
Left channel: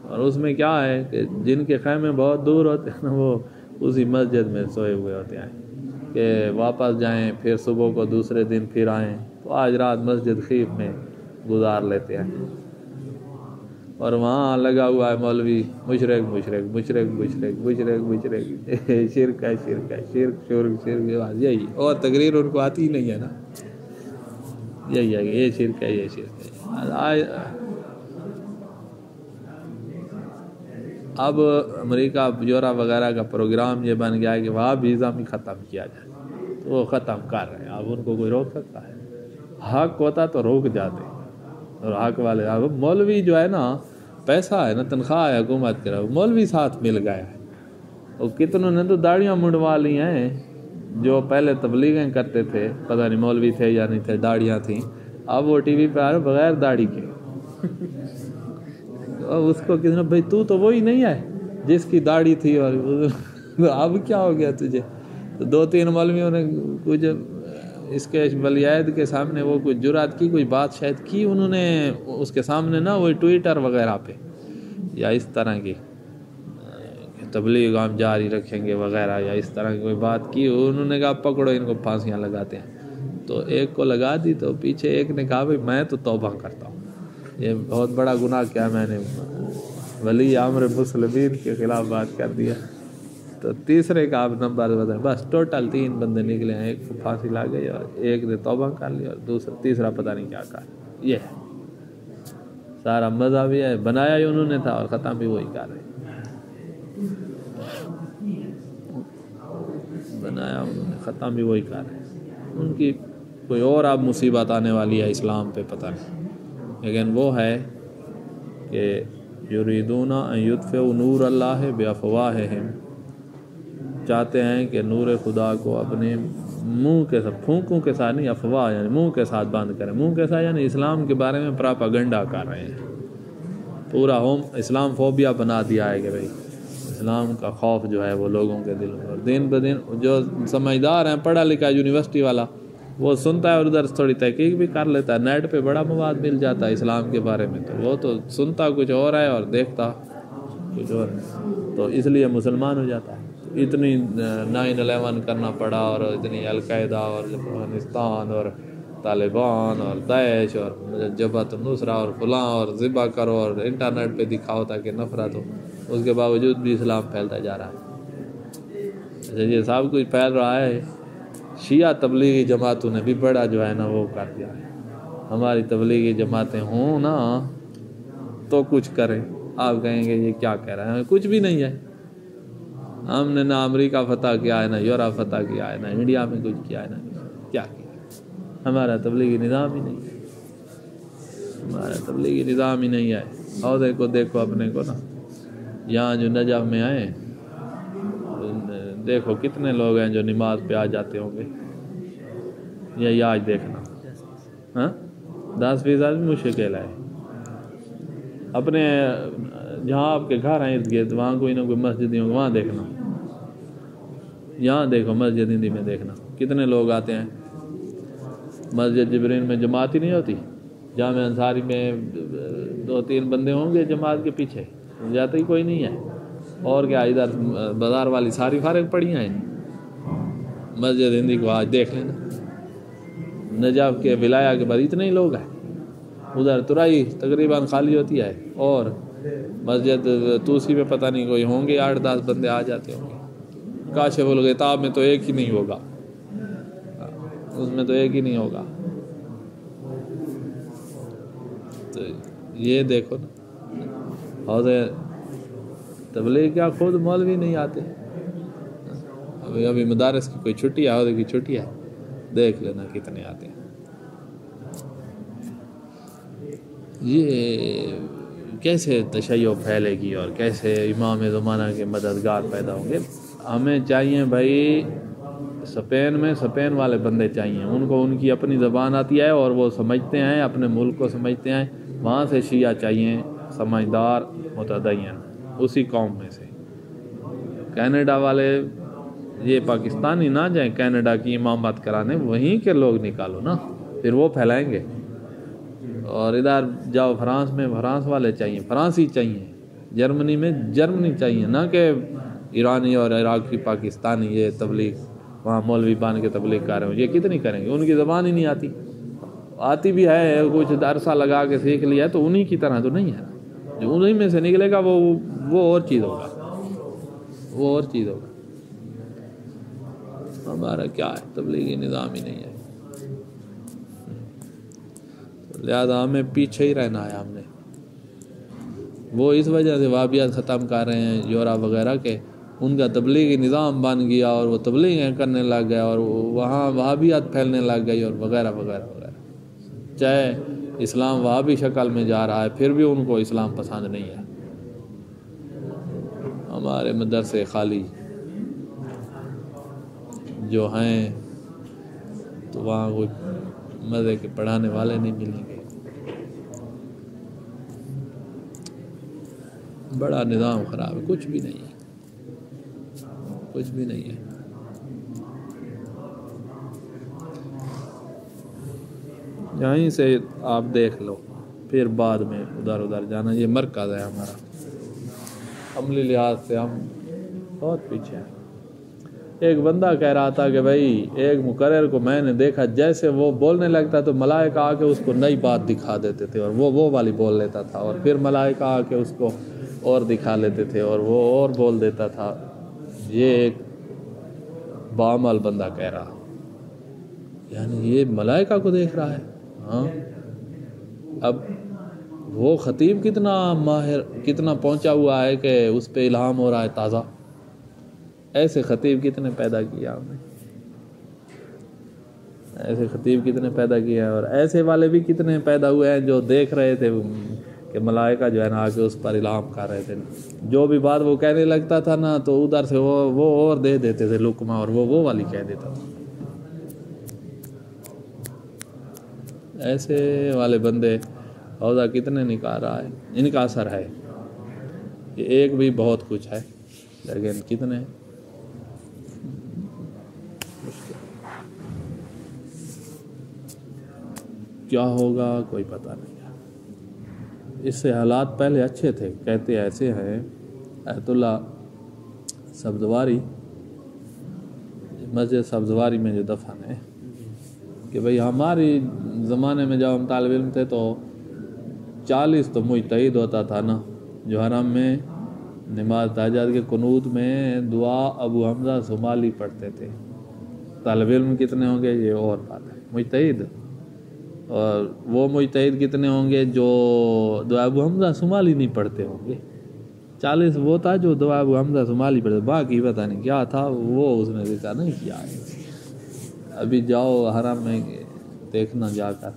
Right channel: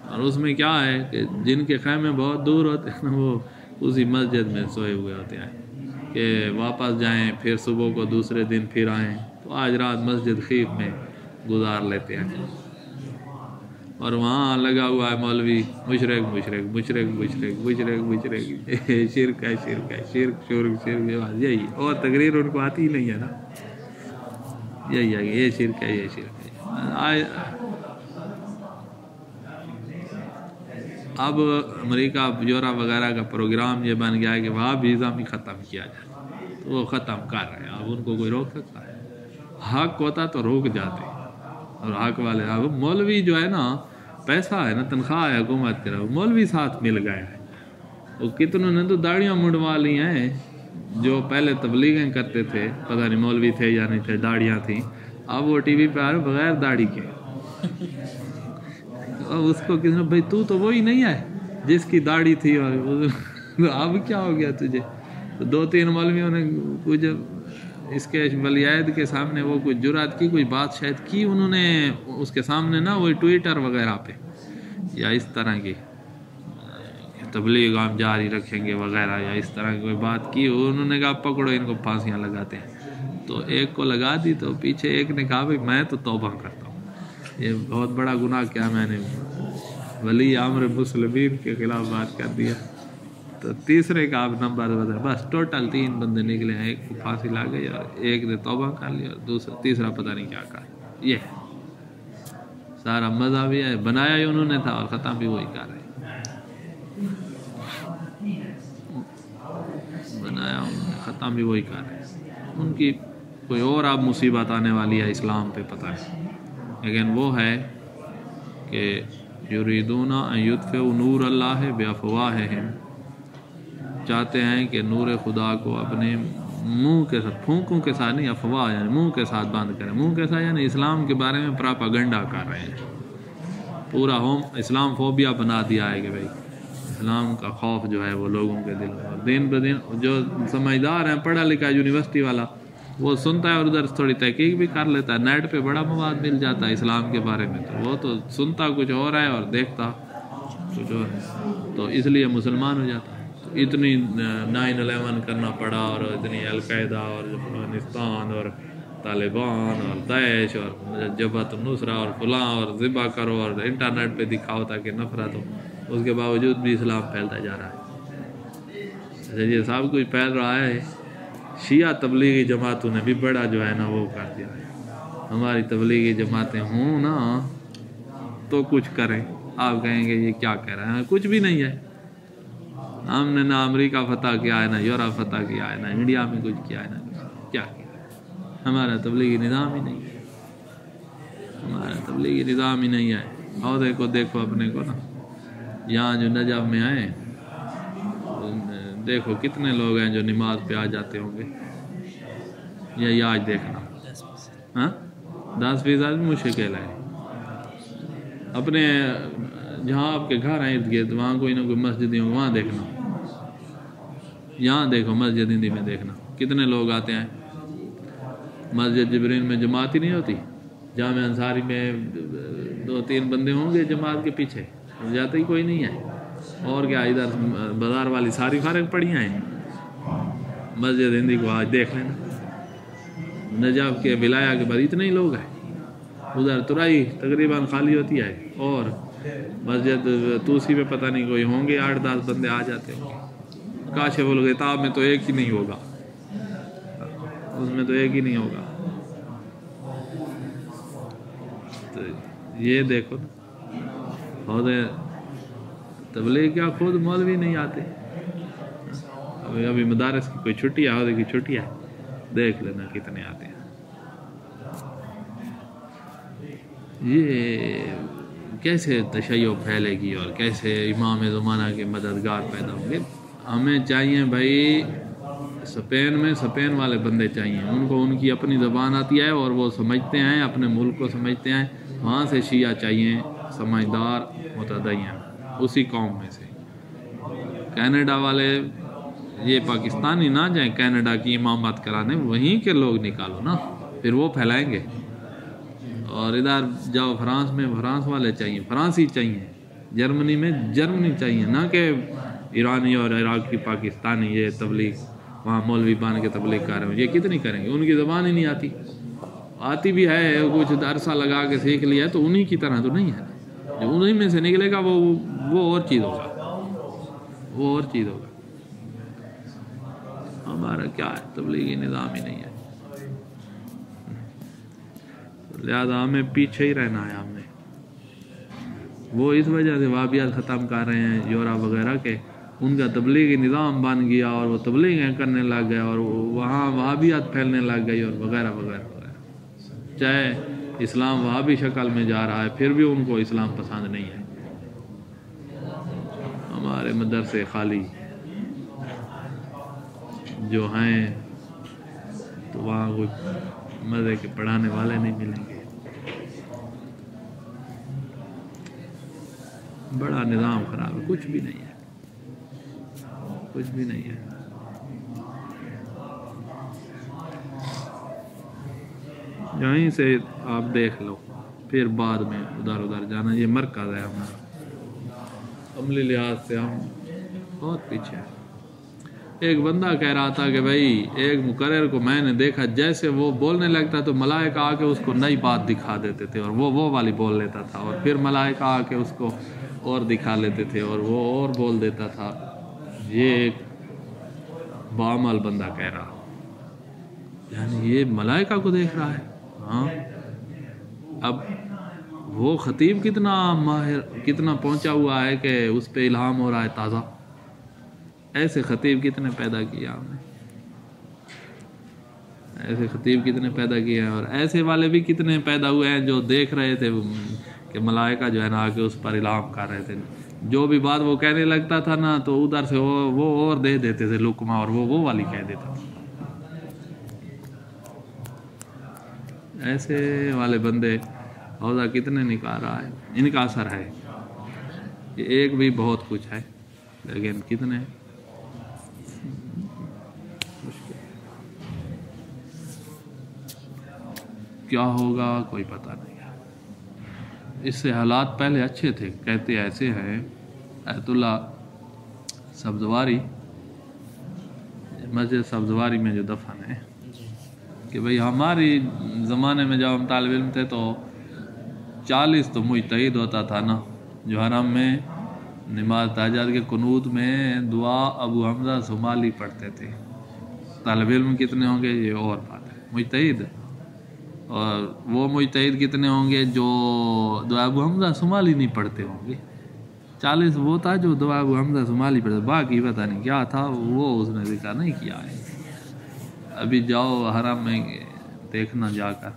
اور اس میں کیا ہے کہ جن کے خیمے بہت دور ہوتے ہیں نا، وہ اسی مسجد میں سوئے ہوئے ہوتے ہیں کہ واپس جائیں پھر صبح کو دوسرے دن پھر آئیں، تو آج رات مسجد خیف میں گزار لیتے ہیں، اور وہاں لگا ہوا ہے مولوی مشرک مشرک مشرک مشرک مشرک مشرک، شرک ہے شرک ہے شرک شرک شرک، یہی اور تقریر ان کو آتی ہی نہیں ہے نا، یہی ہے کہ یہ شرک ہے یہ شرک ہے۔ اب امریکہ یورپ وغیرہ کا پروگرام یہ بن گیا ہے کہ وہاں بھی نظام ختم کیا جائے، تو وہ ختم کر رہے ہیں، اب ان کو کوئی روک سکتا ہے؟ حق ہوتا تو روک جاتے، اور حق والے اب مولوی جو ہے نا، پیسہ ہے نا، تنخواہ ہے حکومت کے، مولوی ساتھ مل گیا ہے، اور کتنوں نے تو داڑیاں منڈوا لی ہیں، جو پہلے تبلیغیں کرتے تھے، پتہ نہیں مولوی تھے یا نہیں تھے، داڑیاں تھیں، اب وہ ٹی وی پہ آ رہے بغیر داڑھی کے، اب اس کو کسی نے بھائی تو وہی نہیں ہے جس کی داڑھی تھی، اور اب کیا ہو گیا تجھے؟ تو 2-3 مولویوں نے کچھ اس کے ولی عہد کے سامنے وہ کچھ جرات کی، کوئی بات شاید کی انہوں نے اس کے سامنے نا، وہی ٹویٹر وغیرہ پہ یا اس طرح کی تبلیغ ہم جاری رکھیں گے وغیرہ، یا اس طرح کی کوئی بات کی، انہوں نے کہا پکڑو ان کو پھانسیاں لگاتے ہیں، تو ایک کو لگا دی، تو پیچھے ایک نے کہا بھائی میں تو توبہ کرتا ہوں، یہ بہت بڑا گناہ کیا میں نے ولی امر مسلمین کے خلاف بات کر دیا، تو تیسرے کا آپ نمبر بدل، بس ٹوٹل 3 بندے نکلے ہیں، ایک کو پھانسی لگ گئی اور ایک نے توبہ کر لی، اور تیسرا پتہ نہیں کیا کہا۔ یہ ہے سارا مزہ بھی ہے، بنایا ہی انہوں نے تھا اور ختم بھی وہی کر رہے، بنایا انہوں نے ختم بھی وہی کر رہے، ان کی کوئی اور اب مصیبت آنے والی ہے اسلام پہ پتہ نہیں، لیکن وہ ہے کہ یریدون ان یطفئوا نور اللہ بافواہہم، چاہتے ہیں کہ نور خدا کو اپنے منہ کے ساتھ، پھونکوں کے ساتھ نہیں، افواہ یعنی منہ کے ساتھ بند کریں، منہ کے ساتھ یعنی اسلام کے بارے میں پراپاگنڈا کر رہے ہیں، پورا اسلام فوبیا بنا دیا ہے کہ بھائی اسلام کا خوف جو ہے وہ لوگوں کے دل میں، اور دن بدن جو سمجھدار ہیں، پڑھا لکھا یونیورسٹی والا، وہ سنتا ہے اور ادھر تھوڑی تحقیق بھی کر لیتا ہے، نیٹ پہ بڑا مواد مل جاتا ہے اسلام کے بارے میں، تو وہ تو سنتا کچھ اور ہے اور دیکھتا کچھ اور ہے، تو اس لیے مسلمان ہو جاتا ہے۔ اتنی 9/11 کرنا پڑا، اور اتنی القاعدہ اور افغانستان اور طالبان اور داعش اور جبہت النصرہ اور فلاں اور ذبح کرو اور انٹرنیٹ پہ دکھاؤ تاکہ نفرت ہو، اس کے باوجود بھی اسلام پھیلتا جا رہا ہے، یہ سب کچھ پھیل رہا ہے۔ شیعہ تبلیغی جماعتوں نے بھی بڑا جو ہے نا وہ کر دیا ہے، ہماری تبلیغی جماعتیں ہوں نا تو کچھ کریں، آپ کہیں گے یہ کیا کہہ رہے ہیں، کچھ بھی نہیں ہے، ہم نے نہ امریکہ فتح کیا ہے، نہ یورپ فتح کیا ہے، نہ انڈیا میں کچھ کیا ہے، نہ کیا کیا ہے، ہمارا تبلیغی نظام ہی نہیں ہے، ہمارا تبلیغی نظام ہی نہیں ہے۔ اور دیکھو اپنے کو نا، یہاں جو نجف میں آئے دیکھو کتنے لوگ ہیں جو نماز پہ آ جاتے ہوں گے، یہ آج دیکھنا، ہاں 10% مشکل ہے، اپنے جہاں آپ کے گھر ہیں ارد گرد وہاں کوئی نہ کوئی مسجد ہوں، وہاں دیکھنا، یہاں دیکھو مسجد ہندی میں دیکھنا کتنے لوگ آتے ہیں، مسجد جبرین میں جماعت ہی نہیں ہوتی، جامع انصاری میں 2-3 بندے ہوں گے جماعت کے پیچھے، جاتا ہی کوئی نہیں ہے، اور کیا ادھر بازار والی ساری فارغ پڑی ہیں، مسجد ہندی کو آج دیکھ لینا، نجف کے ولایہ کے بعد اتنے ہی لوگ ہیں، ادھر ترائی تقریباً خالی ہوتی ہے، اور مسجد توسی میں پتہ نہیں کوئی ہوں گے 8-10 بندے آ جاتے ہوں گے، کاشف الغطاء میں تو ایک ہی نہیں ہوگا، اس میں تو ایک ہی نہیں ہوگا، تو یہ دیکھو نا، اور تبلیغ کیا خود مولوی نہیں آتے، ابھی مدارس کی کوئی چھٹی ہے، عہدے کی چھٹی ہے، دیکھ لینا کتنے آتے ہیں۔ یہ کیسے تشیع پھیلے گی اور کیسے امام زمانہ کے مددگار پیدا ہوں گے؟ ہمیں چاہیے بھائی اسپین میں اسپین والے بندے چاہیے، ان کو ان کی اپنی زبان آتی ہے اور وہ سمجھتے ہیں، اپنے ملک کو سمجھتے ہیں. وہاں سے شیعہ چاہیے سمجھدار متدین اسی قوم میں سے. کینیڈا والے یہ پاکستانی نہ جائیں کینیڈا کی امامت کرانے، وہیں کے لوگ نکالو نا، پھر وہ پھیلائیں گے. اور ادھر جاؤ فرانس میں فرانس والے چاہیے، فرانسی چاہیے. جرمنی میں جرمنی چاہیے، نہ کہ ایرانی اور عراقی پاکستانی یہ تبلیغ وہاں مولوی بان کے تبلیغ کر رہے ہوں. یہ کتنی کریں گے؟ ان کی زبان ہی نہیں آتی بھی ہے، کچھ عرصہ لگا کے سیکھ لیا تو انہی کی طرح تو نہیں ہے. جو انہی میں سے نکلے گا وہ اور چیز ہوگا، وہ اور چیز ہوگا. ہمارا کیا ہے، تبلیغی نظام ہی نہیں ہے، لہذا ہمیں پیچھے ہی رہنا ہے. ہم نے وہ اس وجہ سے وہابیت ختم کر رہے ہیں یورپ وغیرہ کے، ان کا تبلیغی نظام بن گیا اور وہ تبلیغیں کرنے لگ گئے اور وہاں وہابیت پھیلنے لگ گئی اور وغیرہ وغیرہ وغیرہ. چاہے اسلام وہابی شکل میں جا رہا ہے پھر بھی ان کو اسلام پسند نہیں ہے. ہمارے مدرسے خالی جو ہیں تو وہاں کوئی مزے کے پڑھانے والے نہیں ملیں گے. بڑا نظام خراب ہے، کچھ بھی نہیں ہے، کچھ بھی نہیں ہے. یہیں سے آپ دیکھ لو، پھر بعد میں ادھر جانا. یہ مرکز ہے ہمارا، عملی لحاظ سے ہم بہت پیچھے ہیں. ایک بندہ کہہ رہا تھا کہ بھائی ایک مقرر کو میں نے دیکھا جیسے وہ بولنے لگتا تو ملائکہ آ کے اس کو نئی بات دکھا دیتے تھے اور وہ والی بول لیتا تھا، اور پھر ملائکہ آ کے اس کو اور دکھا لیتے تھے اور وہ اور بول دیتا تھا. یہ ایک بعمل بندہ کہہ رہا، یعنی یہ ملائکہ کو دیکھ رہا ہے. ہاں اب وہ خطیب کتنا ماہر، کتنا پہنچا ہوا ہے کہ اس پہ الہام ہو رہا ہے تازہ. ایسے خطیب کتنے پیدا کیا ہم نے، ایسے خطیب کتنے پیدا کیے ہیں، اور ایسے والے بھی کتنے پیدا ہوئے ہیں جو دیکھ رہے تھے کہ ملائکہ جو ہے نا آگے اس پر الہام کر رہے تھے. جو بھی بات وہ کہنے لگتا تھا نا تو ادھر سے وہ اور دے دیتے تھے لقمہ، اور وہ والی کہہ دیتا تھا. ایسے والے بندے عہدہ کتنے نکال رہا ہے. ان کا اثر ہے، یہ ایک بھی بہت کچھ ہے لیکن کتنے. کیا ہوگا کوئی پتہ نہیں ہے. اس سے حالات پہلے اچھے تھے. کہتے ایسے ہیں ایت اللہ سبزواری، مسجد سبزواری میں جو دفن ہے، کہ بھئی ہماری زمانے میں جب ہم طالب علم تھے تو 40 تو مجتہد ہوتا تھا نا، جو حرم میں نماز تہجد کے قنوت میں دعا ابو حمزہ صومالی پڑھتے تھے. طالب علم کتنے ہوں گے یہ اور بات ہے، مجتہد. اور وہ مجتہد کتنے ہوں گے جو دعا ابو حمزہ صومالی نہیں پڑھتے ہوں گے. 40 وہ تھا جو دعا ابو حمزہ صومالی پڑھتے، باقی پتہ نہیں کیا تھا، وہ اس نے ذکر نہیں کیا ہے. ابھی جاؤ حرم میں دیکھنا جا کر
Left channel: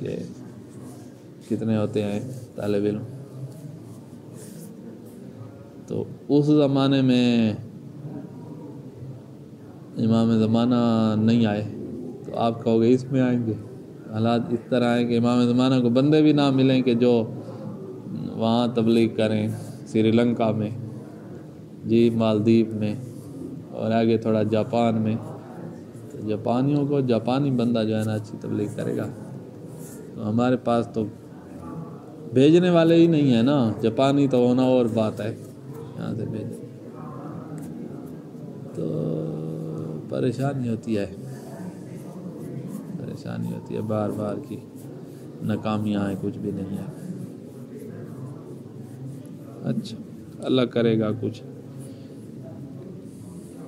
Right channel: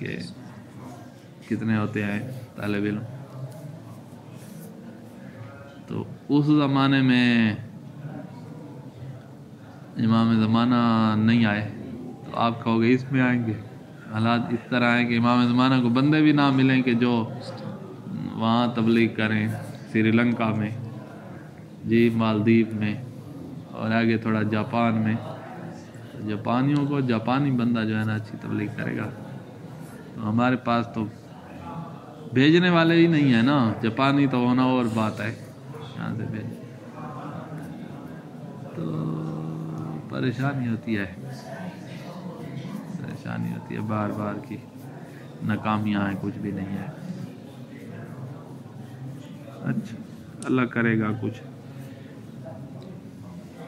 کہ کتنے ہوتے ہیں طالب علم. تو اس زمانے میں امام زمانہ نہیں آئے تو آپ کہو گے اس میں آئیں گے. حالات اس طرح ہیں کہ امام زمانہ کو بندے بھی نہ ملیں کہ جو وہاں تبلیغ کریں. سری لنکا میں جی، مالدیپ میں، اور آگے تھوڑا جاپان میں. تو جاپانیوں کو جاپانی بندہ جو ہے نا اچھی تبلیغ کرے گا. تو ہمارے پاس تو بھیجنے والے ہی نہیں ہیں نا. جاپانی تو ہونا اور بات ہے، یہاں سے بھیج تو پریشانی ہوتی ہے، پریشانی ہوتی ہے بار بار کی. ناکامیاں ہیں، کچھ بھی نہیں ہے. اچھا اللہ کرے گا کچھ،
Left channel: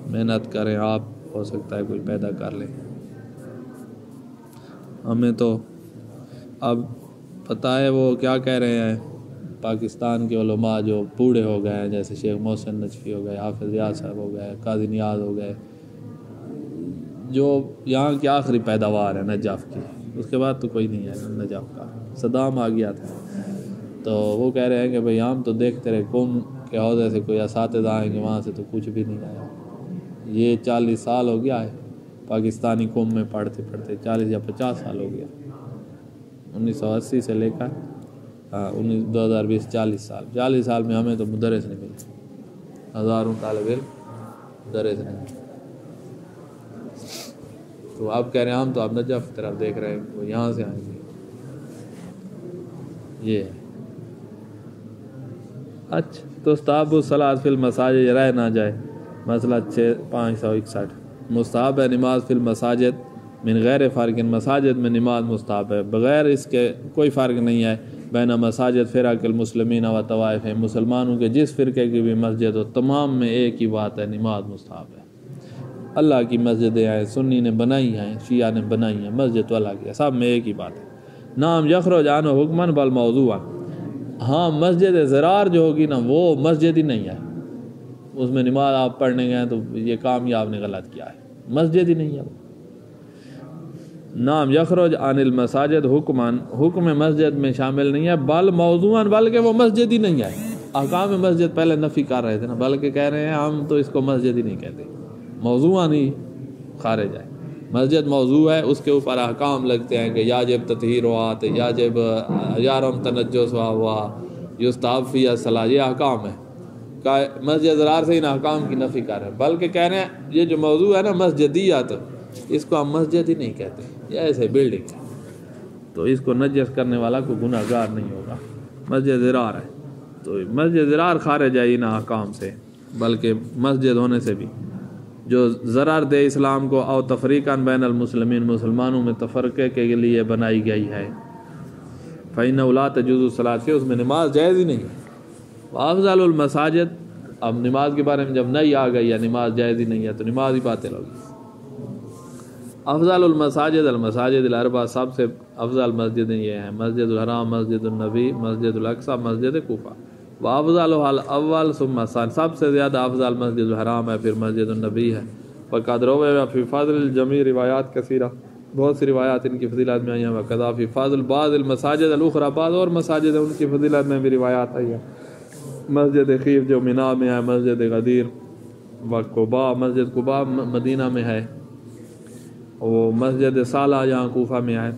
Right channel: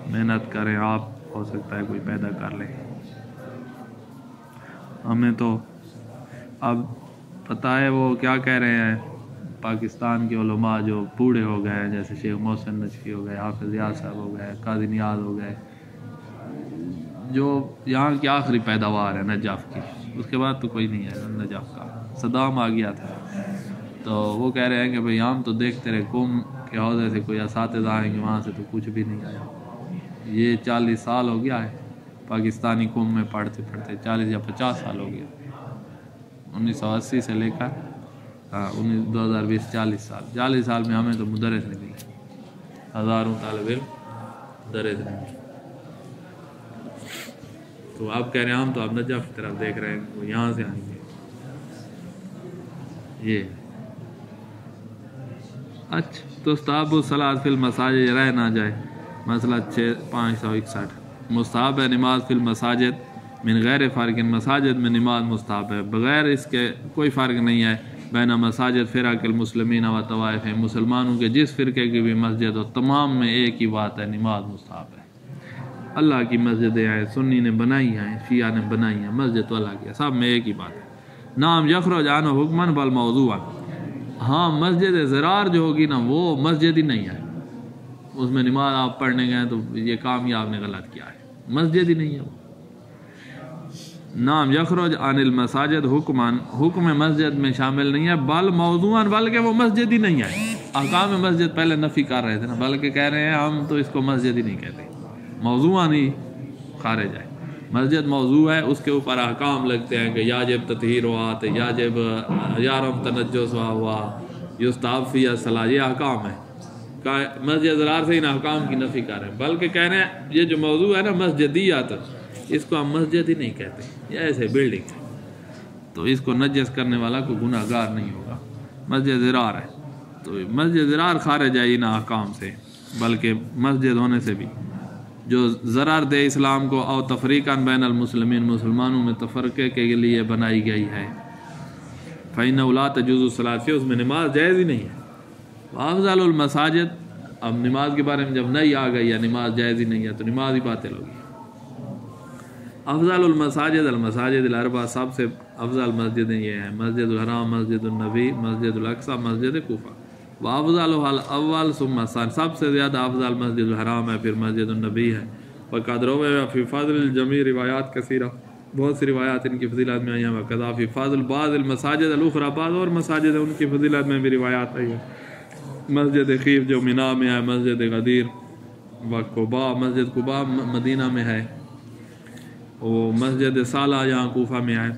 محنت کریں آپ، ہو سکتا ہے کوئی پیدا کر لیں. ہمیں تو اب پتہ ہے وہ کیا کہہ رہے ہیں پاکستان کے علماء جو بوڑھے ہو گئے ہیں، جیسے شیخ محسن نجفی ہو گئے، حافظ ریاض صاحب ہو گئے، قاضی نیاز ہو گئے، جو یہاں کی آخری پیداوار ہے نجف کی. اس کے بعد تو کوئی نہیں ہے نجف کا. صدام آ گیا تھا تو وہ کہہ رہے ہیں کہ بھئی ہم تو دیکھتے رہے قوم کہ عہدے سے کوئی اساتذہ آئیں گے وہاں سے تو کچھ بھی نہیں آیا. یہ 40 سال ہو گیا ہے پاکستانی قوم میں پڑھتے پڑھتے, 40 یا 50 سال ہو گیا, 1980 سے لے کر 2020 40 سال. 40 سال میں ہمیں تو مدرس نہیں ملے, ہزاروں طالب علم مدرس نہیں ملے. تو آپ کہہ رہے ہیں ہم تو آپ نجف کی طرف دیکھ رہے ہیں, وہ یہاں سے آئیں گے. یہ ہے. اچھا تو استحب الصلاۃ فی المساجد رہ نہ جائے, مسئلہ 561. مستحب ہے نماز فی المساجد من غیر فرق, مساجد میں نماز مستحب ہے بغیر اس کے کوئی فرق نہیں ہے. بین مساجد فرق المسلمین و طوائف, مسلمانوں کے جس فرقے کی بھی مسجد ہو تمام میں ایک ہی بات ہے, نماز مستحب ہے. اللہ کی مسجدیں ہیں, سنی نے بنائی ہیں, شیعہ نے بنائی ہیں, مسجد تو اللہ کی ہے, سب میں ایک ہی بات ہے. نام یخرج عنہ حکمن بل موضوعا, ہاں مسجد زرار جو ہوگی نا وہ مسجد ہی نہیں ہے, اس میں نماز آپ پڑھنے گئے تو یہ کام ہی آپ نے غلط کیا ہے, مسجد ہی نہیں ہے وہ. نام یخرج عن المساجد حکمان, حکم مسجد میں شامل نہیں ہے, بل موضوعا, بلکہ وہ مسجد ہی نہیں ہے. احکام مسجد پہلے نفی کر رہے تھے نا, بلکہ کہہ رہے ہیں ہم تو اس کو مسجد ہی نہیں کہتے, موضوعا ہی خارج ہے. مسجد موضوع ہے, اس کے اوپر احکام لگتے ہیں کہ یاجب تطہیرات, یاجب یارم تنجس ہوا, یستحب فی الصلاۃ, یہ احکام ہے. مسجد زرار سے ان احکام کی نفی کر رہے ہیں, بلکہ کہہ رہے ہیں یہ جو موضوع ہے نا مسجدیات, اس کو ہم مسجد ہی نہیں کہتے, یہ ایسے بلڈنگ ہے, تو اس کو نجس کرنے والا کوئی گناہ گار نہیں ہوگا. مسجد زرار ہے تو مسجد زرار خارج ہے ان احکام سے, بلکہ مسجد ہونے سے بھی جو ضرر دے اسلام کو, او تفریقاً بین المسلمین, مسلمانوں میں تفرقے کے لیے بنائی گئی ہے. فإنہ لا تجوز الصلاۃ فیہ, اس میں نماز جائز ہی نہیں ہے. وافضل المساجد, اب نماز کے بارے میں جب نہیں آ گئی یا نماز جائز ہی نہیں ہے تو نماز ہی باطل ہوگی. افضل المساجد المساجد الاربع, سب سے افضل مسجدیں یہ ہیں, مسجد الحرام, مسجد النبی, مسجد الاقصی, مسجد کوفہ. وافضلها الاول ثم الثانی, سب سے زیادہ افضل مسجد الحرام ہے, پھر مسجد النبی ہے. وقد روى فی فضل الجمیع روایات کثیرہ, بہت سی روایات ان کی فضیلت میں آئی ہیں. وقذا فی فضل بعض المساجد الاخرى, بعض اور مساجد ہیں ان کی فضیلت میں بھی روایات آئی ہیں. مسجد خیف جو منا میں ہے, مسجد غدیر و قباء, مسجد قباء مدینہ میں ہے, وہ مسجد صالح جہاں کوفہ میں ہے.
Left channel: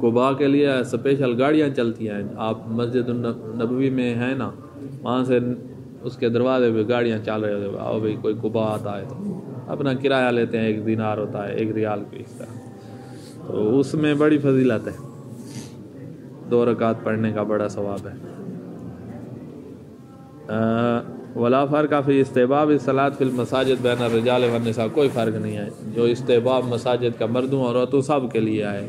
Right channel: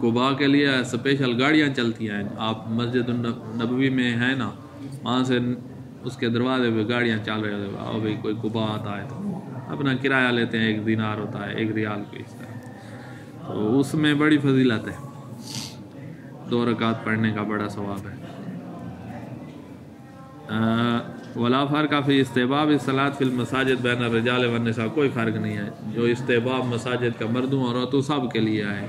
قباء کے لیے اسپیشل گاڑیاں چلتی ہیں. آپ مسجد النبوی میں ہیں نا, وہاں سے اس کے دروازے پہ گاڑیاں چل رہے ہوتے ہیں, آؤ بھائی کوئی قباء آتا ہے تو اپنا کرایہ لیتے ہیں, 1 دینار ہوتا ہے, 1 ریال کو, اس طرح. تو اس میں بڑی فضیلت ہے, 2 رکعت پڑھنے کا بڑا ثواب ہے. ولا فرق فی استحباب الصلاۃ فی المساجد بین الرجال والنساء, کوئی فرق نہیں ہے, جو استحباب مساجد کا مردوں اور عورتوں سب کے لیے ہے.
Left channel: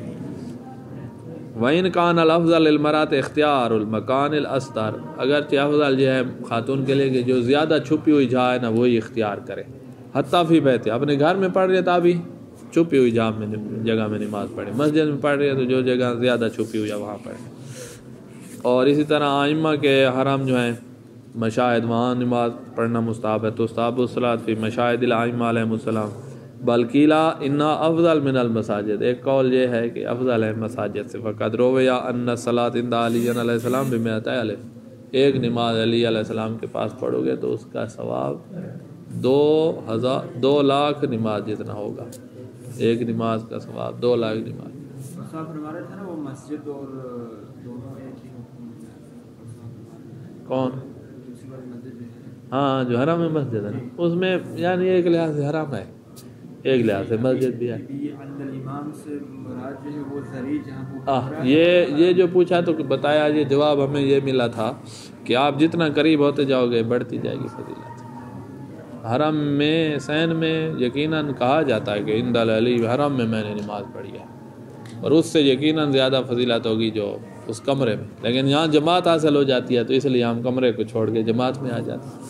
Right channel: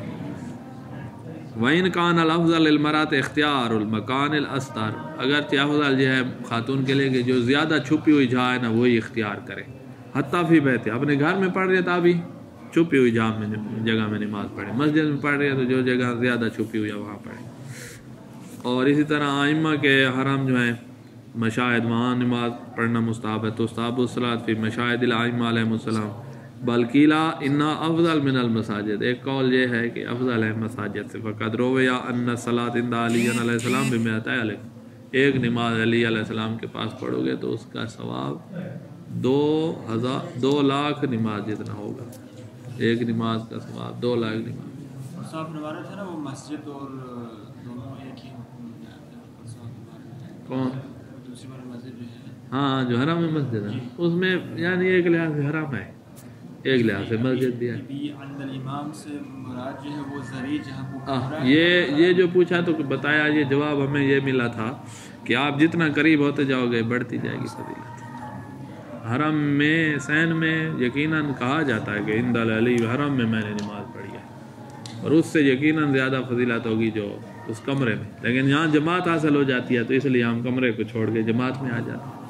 وَإِنْ كَانَ الْأَفْضَلُ لِلْمَرْأَةِ اخْتِيَارُ الْمَكَانِ الْأَسْتَرِ, اگرچہ افضل یہ ہے خاتون کے لیے کہ جو زیادہ چھپی ہوئی جگہ ہے نا وہی اختیار کرے. حتیٰ فی بیت, اپنے گھر میں پڑھ رہی ہے تو ابھی چھپی ہوئی جگہ میں نماز پڑھے, مسجد میں پڑھ رہی ہے تو جو جگہ زیادہ چھپی ہوئی ہے وہاں پڑھے. اور اسی طرح ائمہ کے حرم جو ہیں مشاہد, وہاں نماز پڑھنا مستحب ہے. تو استحب الصلاۃ فی مشاہد الائمہ علیہم السلام, بلکیلا انا افضل من المساجد, ایک قول یہ ہے کہ افضل ہے مساجد سے. فقد روی ان الصلاۃ عند علی علیہ السلام بمئۃ الف, ایک نماز علی علیہ السلام کے پاس پڑھو گے تو اس کا ثواب 2 لاکھ نماز جتنا ہوگا. ایک نماز کا ثواب 2 لاکھ نماز. صاحب فرما رہے تھے نا وہ مسجد اور دونوں ایک ہی حکم میں آتے ہیں. کون؟ دوسری بار مسجد جو ہے, ہاں جو حرم میں مسجد ہے اس میں, یعنی ایک لحاظ سے حرم ہے, ایک لحاظ سے مسجد بھی ہے. عند الامام سے مراد جو ہے وہ ذریع جہاں یہ جو پوچھا تو بتایا, یہ جواب ہمیں یہ ملا تھا کہ آپ جتنا قریب ہوتے جاؤ گے بڑھتی جائے گی فضیلت. حرم میں حسین میں یقیناً کہا جاتا ہے کہ عند العلی, حرم میں نے نماز پڑھی ہے, اور اس سے یقیناً زیادہ فضیلت ہوگی جو اس کمرے میں. لیکن یہاں جماعت حاصل ہو جاتی ہے تو اس لیے ہم کمرے کو چھوڑ کے جماعت میں آ جاتے ہیں.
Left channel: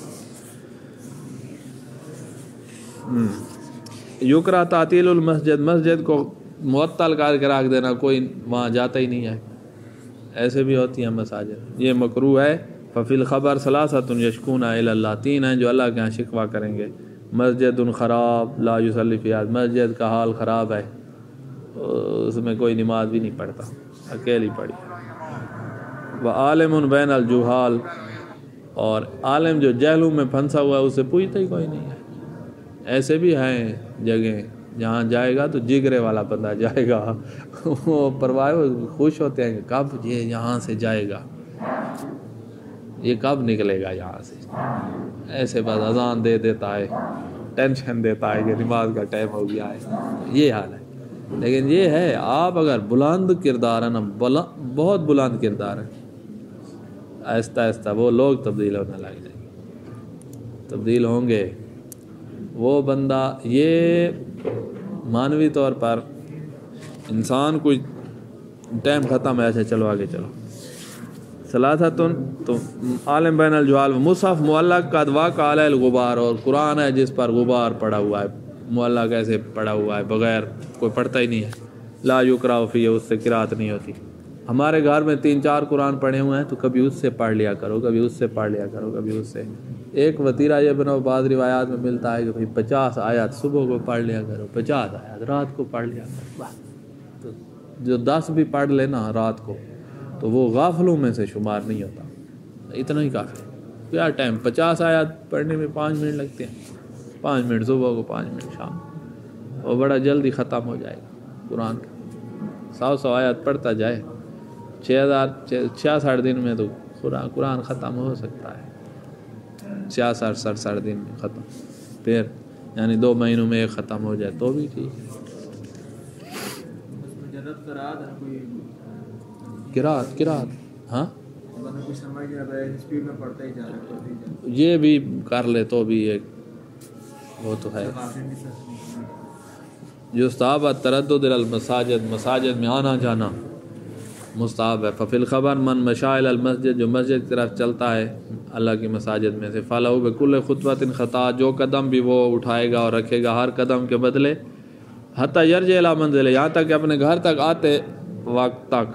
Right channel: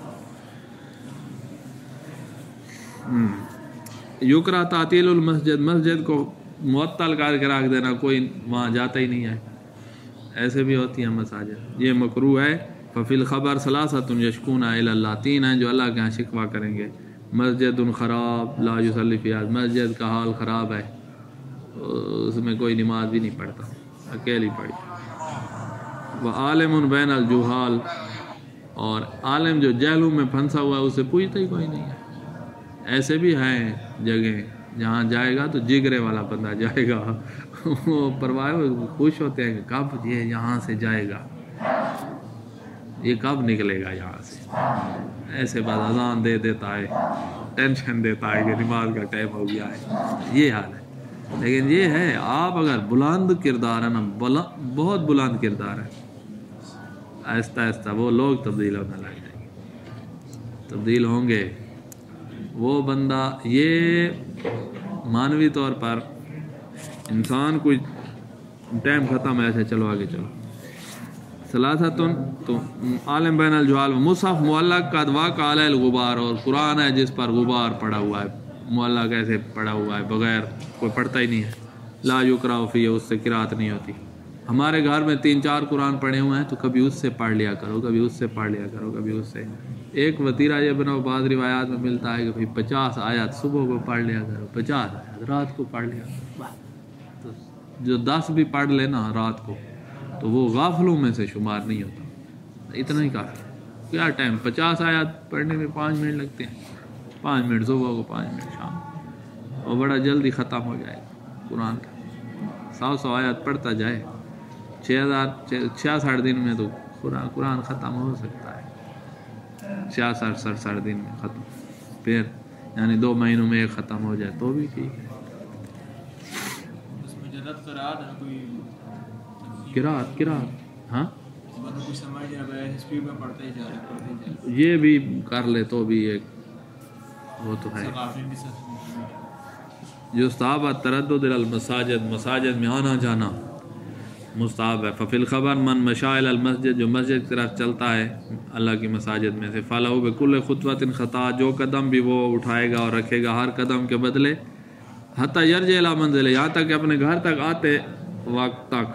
یکرہ تعطیل المسجد, مسجد کو معطل کر کے رکھ دینا, کوئی وہاں جاتا ہی نہیں ہے, ایسے بھی ہوتی ہیں مساجد, یہ مکروہ ہے. ففی الخبر ثلاثۃ یشکون الی اللہ, 3 ہیں جو اللہ کے ہاں شکوہ کریں گے. مسجد خراب لا یصلی فیہا, مسجد کا حال خراب ہے, اس میں کوئی نماز بھی نہیں پڑھتا, اکیلی پڑھی. وعالم بین الجہال, اور عالم جو جہلوں میں پھنسا ہوا ہے اسے پوچھتا ہی کوئی نہیں ہے. ایسے بھی ہیں جگہیں جہاں جائے گا تو جگرے والا بندہ جائے گا, وہ پرواہ خوش ہوتے ہیں کہ کب یہ یہاں سے جائے گا, یہ کب نکلے گا یہاں سے. ایسے بس اذان دے دیتا ہے, ٹینشن دیتا ہے کہ نماز کا ٹائم ہو گیا ہے, یہ حال ہے. لیکن یہ ہے آپ اگر بلند کردار ہے نا, بہت بلند کردار ہے, آہستہ آہستہ وہ لوگ تبدیل ہونے لگ جائیں گے, تبدیل ہوں گے. وہ بندہ یہ مانوی طور پر انسان کوئی ٹائم ختم ہے, ایسے چلو آگے چلو. ثلاثتن تو عالم بین الجوال مصحف معلق قد واقع علی الغبار, اور قرآن ہے جس پر غبار پڑا ہوا ہے, معلق ایسے پڑا ہوا ہے بغیر کوئی پڑھتا ہی نہیں ہے. لا یقرأ فیہ, اس سے قرات نہیں ہوتی. ہمارے گھر میں 3-4 قرآن پڑھے ہوئے ہیں تو کبھی اس سے پڑھ لیا کرو, کبھی اس سے پڑھ لیا کرو, کبھی اس سے. ایک وتیرہ یہ بناؤ, بعض روایات میں ملتا ہے کہ بھئی 50 آیات صبح کو پڑھ لیا کرو, 50 آیات رات کو پڑھ لیا کرو. تو جو 10 بھی پڑھ لینا رات کو تو وہ غافلوں میں سے شمار نہیں ہوتا, اتنا ہی کافی. کیا ٹائم 50 آیات پڑھنے میں 5 منٹ لگتے ہیں, 5 منٹ صبح کو, 5 منٹ شام, وہ بڑا جلدی ختم ہو جائے گا قرآن کا. 100 آیات پڑھتا جائے, 66 دن میں تو قرآن ختم ہو سکتا ہے. 66 دن میں ختم, پھر یعنی 2 مہینوں میں ایک ختم ہو جائے تو بھی ٹھیک ہے. قرات ہاں یہ بھی کر لے تو بھی ایک وہ تو ہے. جو صحابہ تردد المساجد, مساجد میں آنا جانا مستحب ہے. ففی الخبر من مشائل المسجد, جو مسجد کی طرف چلتا ہے اللہ کی مساجد میں سے, فلہو بکل خطوۃ خطا, جو قدم بھی وہ اٹھائے گا اور رکھے گا ہر قدم کے بدلے, حتی یرجع الی منزلہ, یہاں تک کہ اپنے گھر تک آتے وقت تک,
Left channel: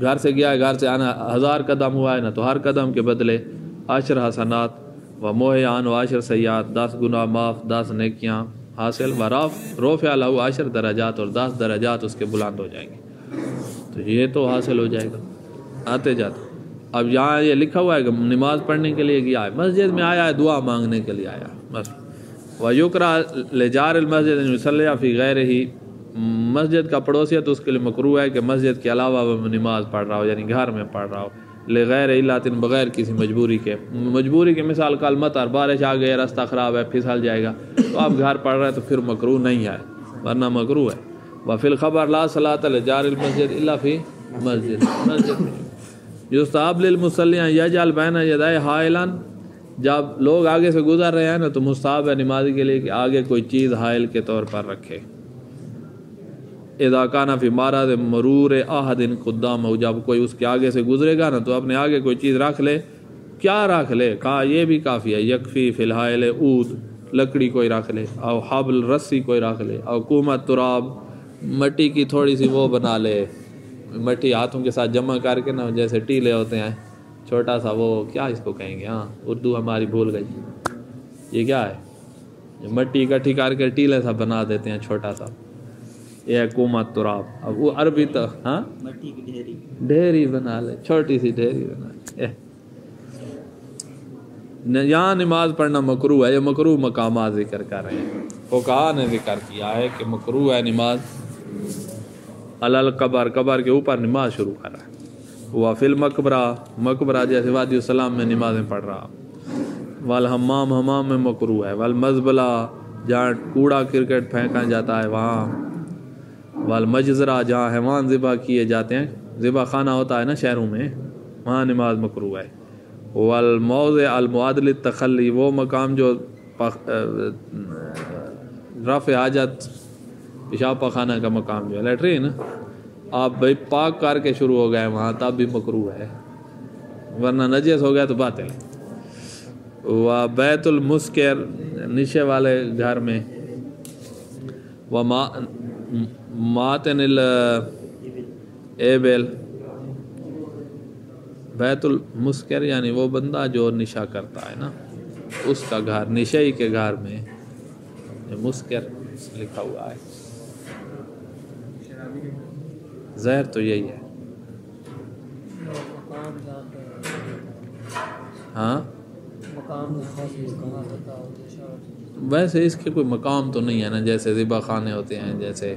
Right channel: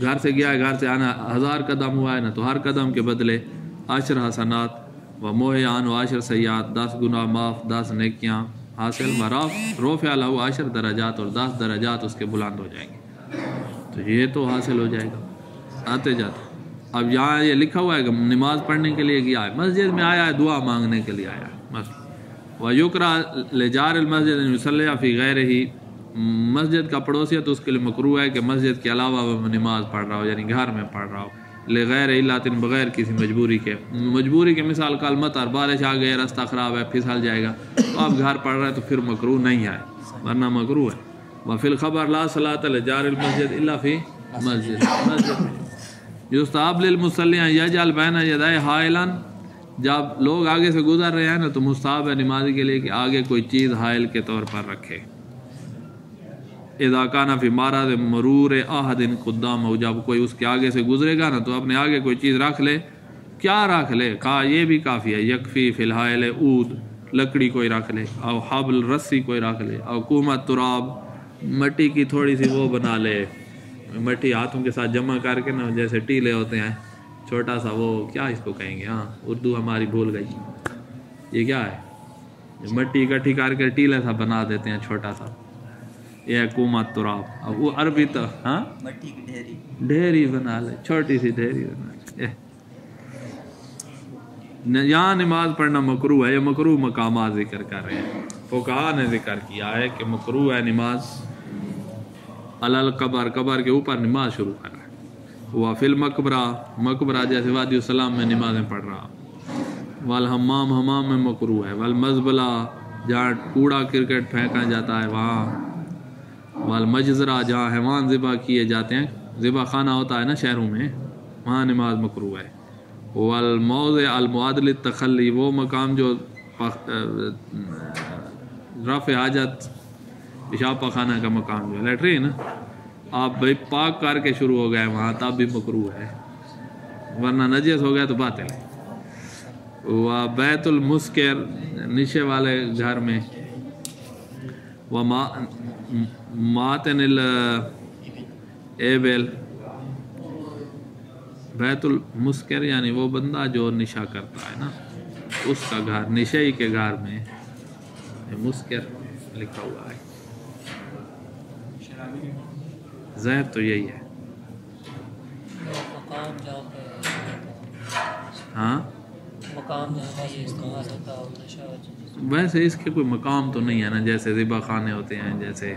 گھر سے گیا ہے, گھر سے آنا 1000 قدم ہوا ہے نا, تو ہر قدم کے بدلے 10 حسنات و محیان و 10 سیئات, 10 گناہ معاف, 10 نیکیاں حاصل. و رفع لہ 10 درجات, اور 10 درجات اس کے بلند ہو جائیں گے. تو یہ تو حاصل ہو جائے گا آتے جاتے. اب یہاں یہ لکھا ہوا ہے کہ نماز پڑھنے کے لیے گیا ہے, مسجد میں آیا ہے, دعا مانگنے کے لیے آیا ہے بس. وَيُكْرَهُ لِجَارِ الْمَسْجِدِ أَنْ يُصَلِّيَ فِي غَيْرِهِ, مسجد کا پڑوسی ہے تو اس کے لیے مکروہ ہے کہ مسجد کے علاوہ وہ نماز پڑھ رہا ہو, یعنی گھر میں پڑھ رہا ہو. لغیر علت, بغیر کسی مجبوری کے. مجبوری کے مثال کل مطر, بارش آ گئی, راستہ خراب ہے, پھسل جائے گا, تو آپ گھر پڑھ رہے ہیں تو پھر مکروہ نہیں ہے, ورنہ مکروہ ہے. وفی الخبر لا صلاۃ لجار المسجد الا فی مسجد, مسجد میں. یستحب للمصلی ان یجعل بین یدیہ حائلا, جب لوگ آگے سے گزر رہے ہیں نا تو مستحب ہے نمازی کے لیے کہ آگے کوئی چیز حائل کے طور پر رکھے. اذا کان فی مرض مرور احد قدامہ, جب کوئی اس کے آگے سے گزرے گا نا تو اپنے آگے کوئی چیز رکھ لے. کیا رکھ لے؟ کہا یہ بھی کافی ہے. یکفی فی الحائل عود, لکڑی کوئی رکھ لے, او حبل, رسی کوئی رکھ لے, او کومت تراب, مٹی کی تھوڑی سی وہ بنا لے, مٹی ہاتھوں کے ساتھ جمع کر کے نا, جیسے ٹیلے ہوتے ہیں چھوٹا سا, وہ کیا اس کو کہیں گے, ہاں اردو ہماری بھول گئی, یہ کیا ہے, مٹی اکٹھی کر کے ٹیلے سا بنا دیتے ہیں چھوٹا سا, یہ کومت تراب. اب وہ عربی تو ہاں مٹی کی ڈھیری, ڈھیری بنا لے, چھوٹی سی ڈھیری بنا لے. یہاں نماز پڑھنا مکروہ ہے. یہ مکروہ مقامات ذکر کر رہے ہیں, فقہاء نے ذکر کیا ہے کہ مکروہ ہے نماز علی القبر, قبر کے اوپر نماز شروع کر رہا ہے. وہ فی المقبرہ, مقبرہ جیسے وادی السلام میں نمازیں پڑھ رہا. والحمام, حمام میں مکروہ ہے. والمزبلہ, جہاں کوڑا کرکٹ پھینکا جاتا ہے وہاں. والمجزرہ, جہاں حیوان ذبح کیے جاتے ہیں, ذبح خانہ ہوتا ہے نا شہروں میں, وہاں نماز مکروہ ہے. والموضع المعد للتخلی, وہ مقام جو رفع حاجت, پیشاب پخانہ کا مقام جو ہے, لیٹرین, آپ بھائی پاک کر کے شروع ہو گئے وہاں تب بھی مکروہ ہے, ورنہ نجس ہو گیا تو باطل ہے. و بیت المسکر, نشے والے گھر میں. و ماتن الابل, بیت المسکر یعنی وہ بندہ جو نشہ کرتا ہے نا, اس کا گھر, نشئی کے گھر میں مسکر لکھا ہوا ہے. زہر تو یہی ہے. ہاں ویسے اس کے کوئی مقام تو نہیں ہے نا، جیسے ذبح خانے ہوتے ہیں، جیسے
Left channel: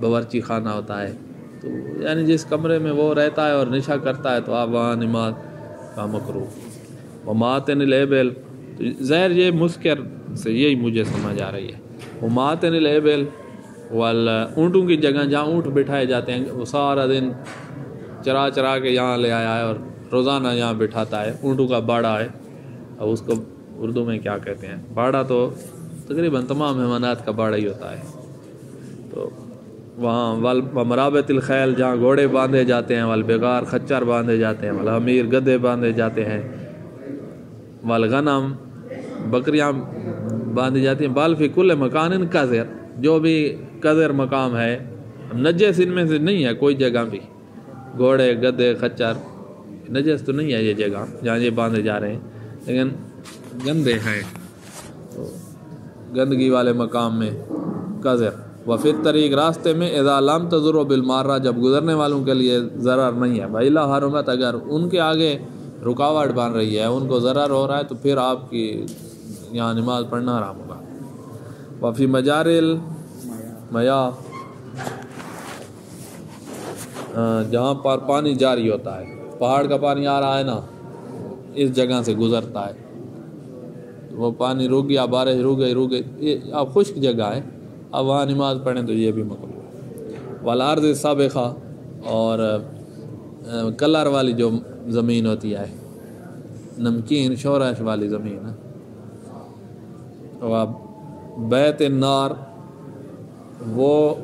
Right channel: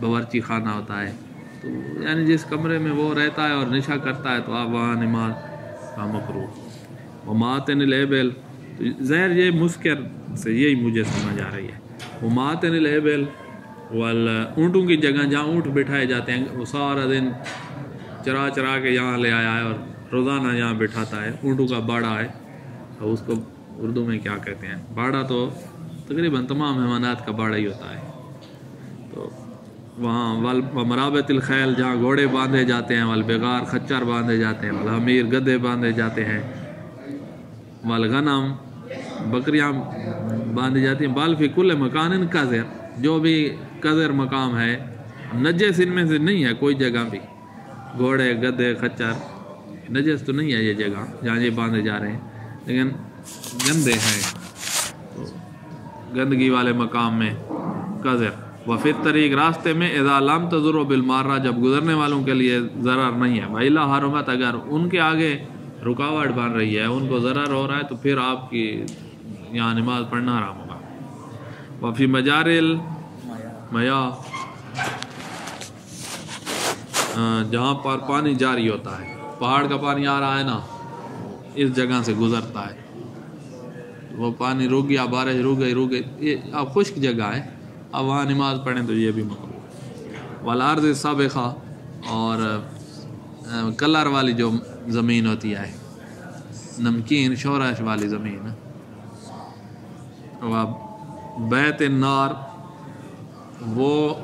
باورچی خانہ ہوتا ہے، تو یعنی جس کمرے میں وہ رہتا ہے اور نشا کرتا ہے تو آپ وہاں نماز کا مکروہ۔ وماتن الابل، ظاہر یہ مسکر سے یہی مجھے سمجھ آ رہی ہے۔ وماتن الابل اونٹوں کی جگہ جہاں اونٹ بٹھائے جاتے ہیں، وہ سارا دن چرا چرا کے یہاں لے آیا ہے اور روزانہ یہاں بٹھاتا ہے، اونٹوں کا باڑا ہے، اور اس کو اردو میں کیا کہتے ہیں، باڑا تو تقریباً تمام حیوانات کا باڑا ہی ہوتا ہے۔ تو وہاں مرابط الخیل، جہاں گھوڑے باندھے جاتے ہیں، والبغار خچر باندھے جاتے ہیں، والحمیر گدھے باندھے جاتے ہیں، والغنم بکریاں باندھی جاتی ہیں، بال فی کل مکان قذر، جو بھی قذر مقام ہے، نجس ان میں سے نہیں ہے کوئی جگہ بھی، گھوڑے گدھے خچر نجس تو نہیں ہے یہ جگہ جہاں یہ باندھے جا رہے ہیں، لیکن گندے ہیں، گندگی والے مقام میں قذر۔ وفی الطریق، راستے میں، اذا لم تضر بالمارہ، جب گزرنے والوں کے لیے ضرر نہیں ہے، وإلا حرمت، اگر ان کے آگے رکاوٹ بن رہی ہے، ان کو ضرر ہو رہا ہے، تو پھر آپ کی یہاں نماز پڑھنا حرام ہوگا۔ وفی مجاری المیاہ، جہاں پر پانی جاری ہوتا ہے، پہاڑ کا پانی آ رہا ہے نا، اس جگہ سے گزرتا ہے، وہ پانی رک گیا، بارش رک گئی، یہ اب خشک جگہ ہے، اب وہاں نماز پڑھیں تو یہ بھی مکروہ ہے۔ والارض السابخہ، اور کلر والی جو زمین ہوتی ہے، نمکین شورش والی زمین، بیت النار، وہ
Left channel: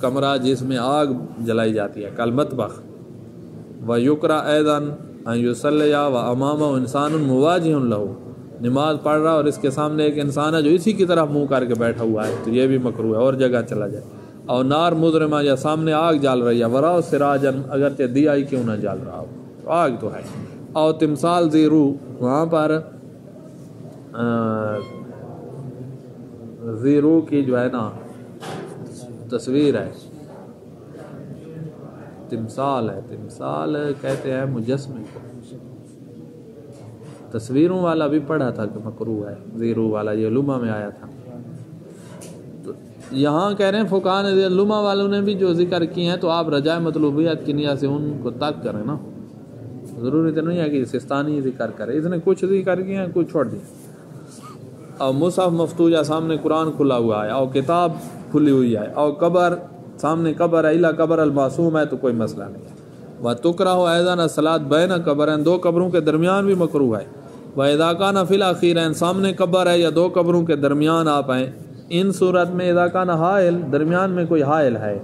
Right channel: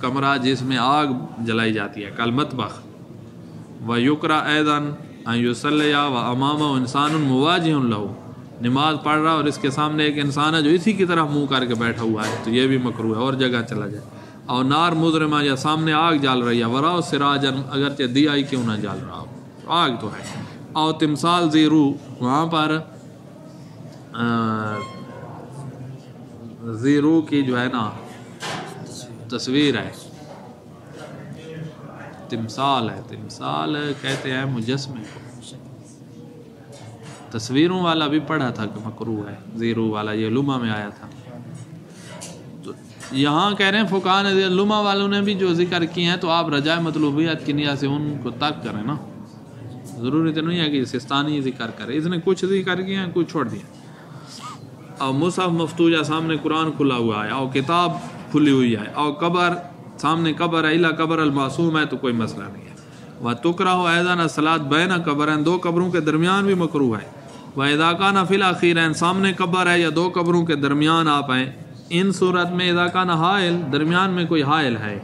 کمرہ جس میں آگ جلائی جاتی ہے، کالمطبخ۔ ویکرہ ایضاً ان یصلی وامامہ انسان مواجہ لہ، نماز پڑھ رہا اور اس کے سامنے ایک انسان ہے جو اسی کی طرف منہ کر کے بیٹھا ہوا ہے، تو یہ بھی مکروہ ہے، اور جگہ چلا جائے۔ اور نار مضرمہ، یا سامنے آگ جال رہی ہے، وراء سراجا، اگرچہ دیا ہی کیوں نہ جال رہا ہو، تو آگ تو ہے۔ اور تمثال ذی روح، وہاں پر ذی روح کی جو ہے نا تصویر ہے، تمثال ہے، تمثال کہتے ہیں مجسمے کو، تصویروں والا بھی پڑھا تھا کہ مکروہ ہے، زیرو والا یہ لمحہ میں آیا تھا۔ تو یہاں کہہ رہے ہیں فقہاء نے، لمحہ والوں نے بھی جو ذکر کیے ہیں، تو آپ رجاء مطلوبیت کی نیت سے ان کو ترک کریں نا، ضروری تو نہیں ہے کہ سستانی ذکر کرے، اس نے کچھ ذکر کیے ہیں، کچھ چھوڑ دیا۔ اور مصحف مفتوجہ، سامنے قرآن کھلا ہوا ہے، اور کتاب کھلی ہوئی ہے، اور قبر سامنے قبر ہے، الا قبر المعصوم ہے، تو کوئی مسئلہ نہیں ہے۔ وَتُكْرَهُ أَيْضًا الصَّلَاةُ بَيْنَ قَبْرَيْنِ، دو قبروں کے درمیان بھی مکروہ ہے۔ وَإِذَا كَانَ فِي الْأَخِيرَيْنِ، سامنے قبر ہے یا دو قبروں کے درمیان آپ ہیں، ان صورت میں اذا كان حائل، درمیان میں کوئی حائل ہے،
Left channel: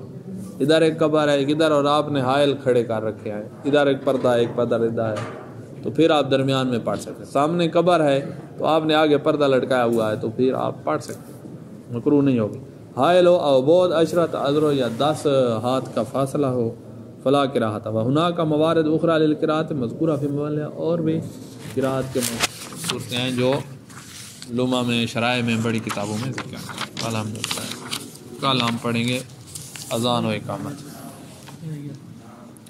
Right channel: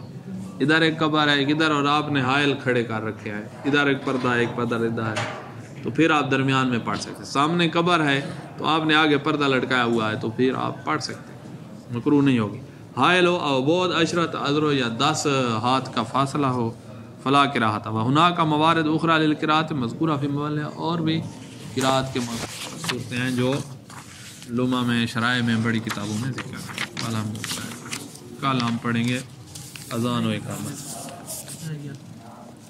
ادھر ایک قبر ہے ادھر، اور آپ نے حائل کھڑے کر رکھے ہیں، ادھر ایک پردہ ہے ایک پردہ ادھر ہے، تو پھر آپ درمیان میں پڑھ سکتے ہیں۔ سامنے قبر ہے تو آپ نے آگے پردہ لٹکایا ہوا ہے، تو پھر آپ پڑھ سکتے ہیں، مکروہ نہیں ہوگی۔ حائل ہو او بود عشرت اذرو، یا 10 ہاتھ کا فاصلہ ہو، فلا قراءۃ، وہناک موارد اخرى للقراءۃ مذکورہ فی موضع، اور بھی قراءت کے صورتیں ہیں جو لمحہ میں، شرائع میں، بڑی کتابوں میں ذکر ہے۔ الحمدللہ، کل ہم پڑھیں گے اذان و اقامت۔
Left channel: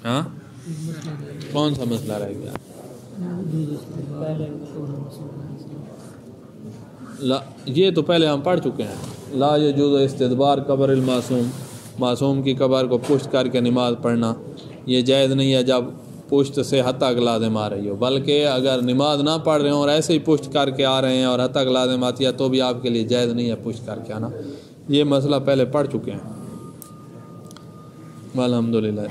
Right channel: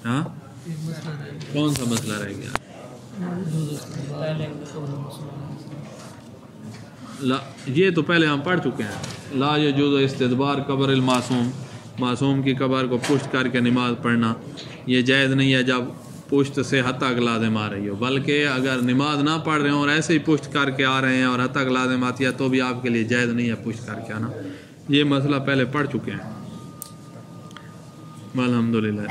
ہاں، کون سا مسئلہ رہ گیا؟ یہ تو پہلے ہم پڑھ چکے ہیں، لا یجوز استدبار قبر المعصوم، معصوم کی قبر کو پشت کر کے نماز پڑھنا یہ جائز نہیں ہے جب پشت سے حتیٰ لازم آ رہی ہو، بلکہ اگر نماز نہ پڑھ رہے ہوں اور ایسے ہی پشت کر کے آ رہے ہیں اور حتیٰ لازم آتی ہے تو بھی آپ کے لیے جائز نہیں ہے پشت کر کے آنا۔ یہ مسئلہ پہلے پڑھ چکے ہیں۔ الحمدللہ۔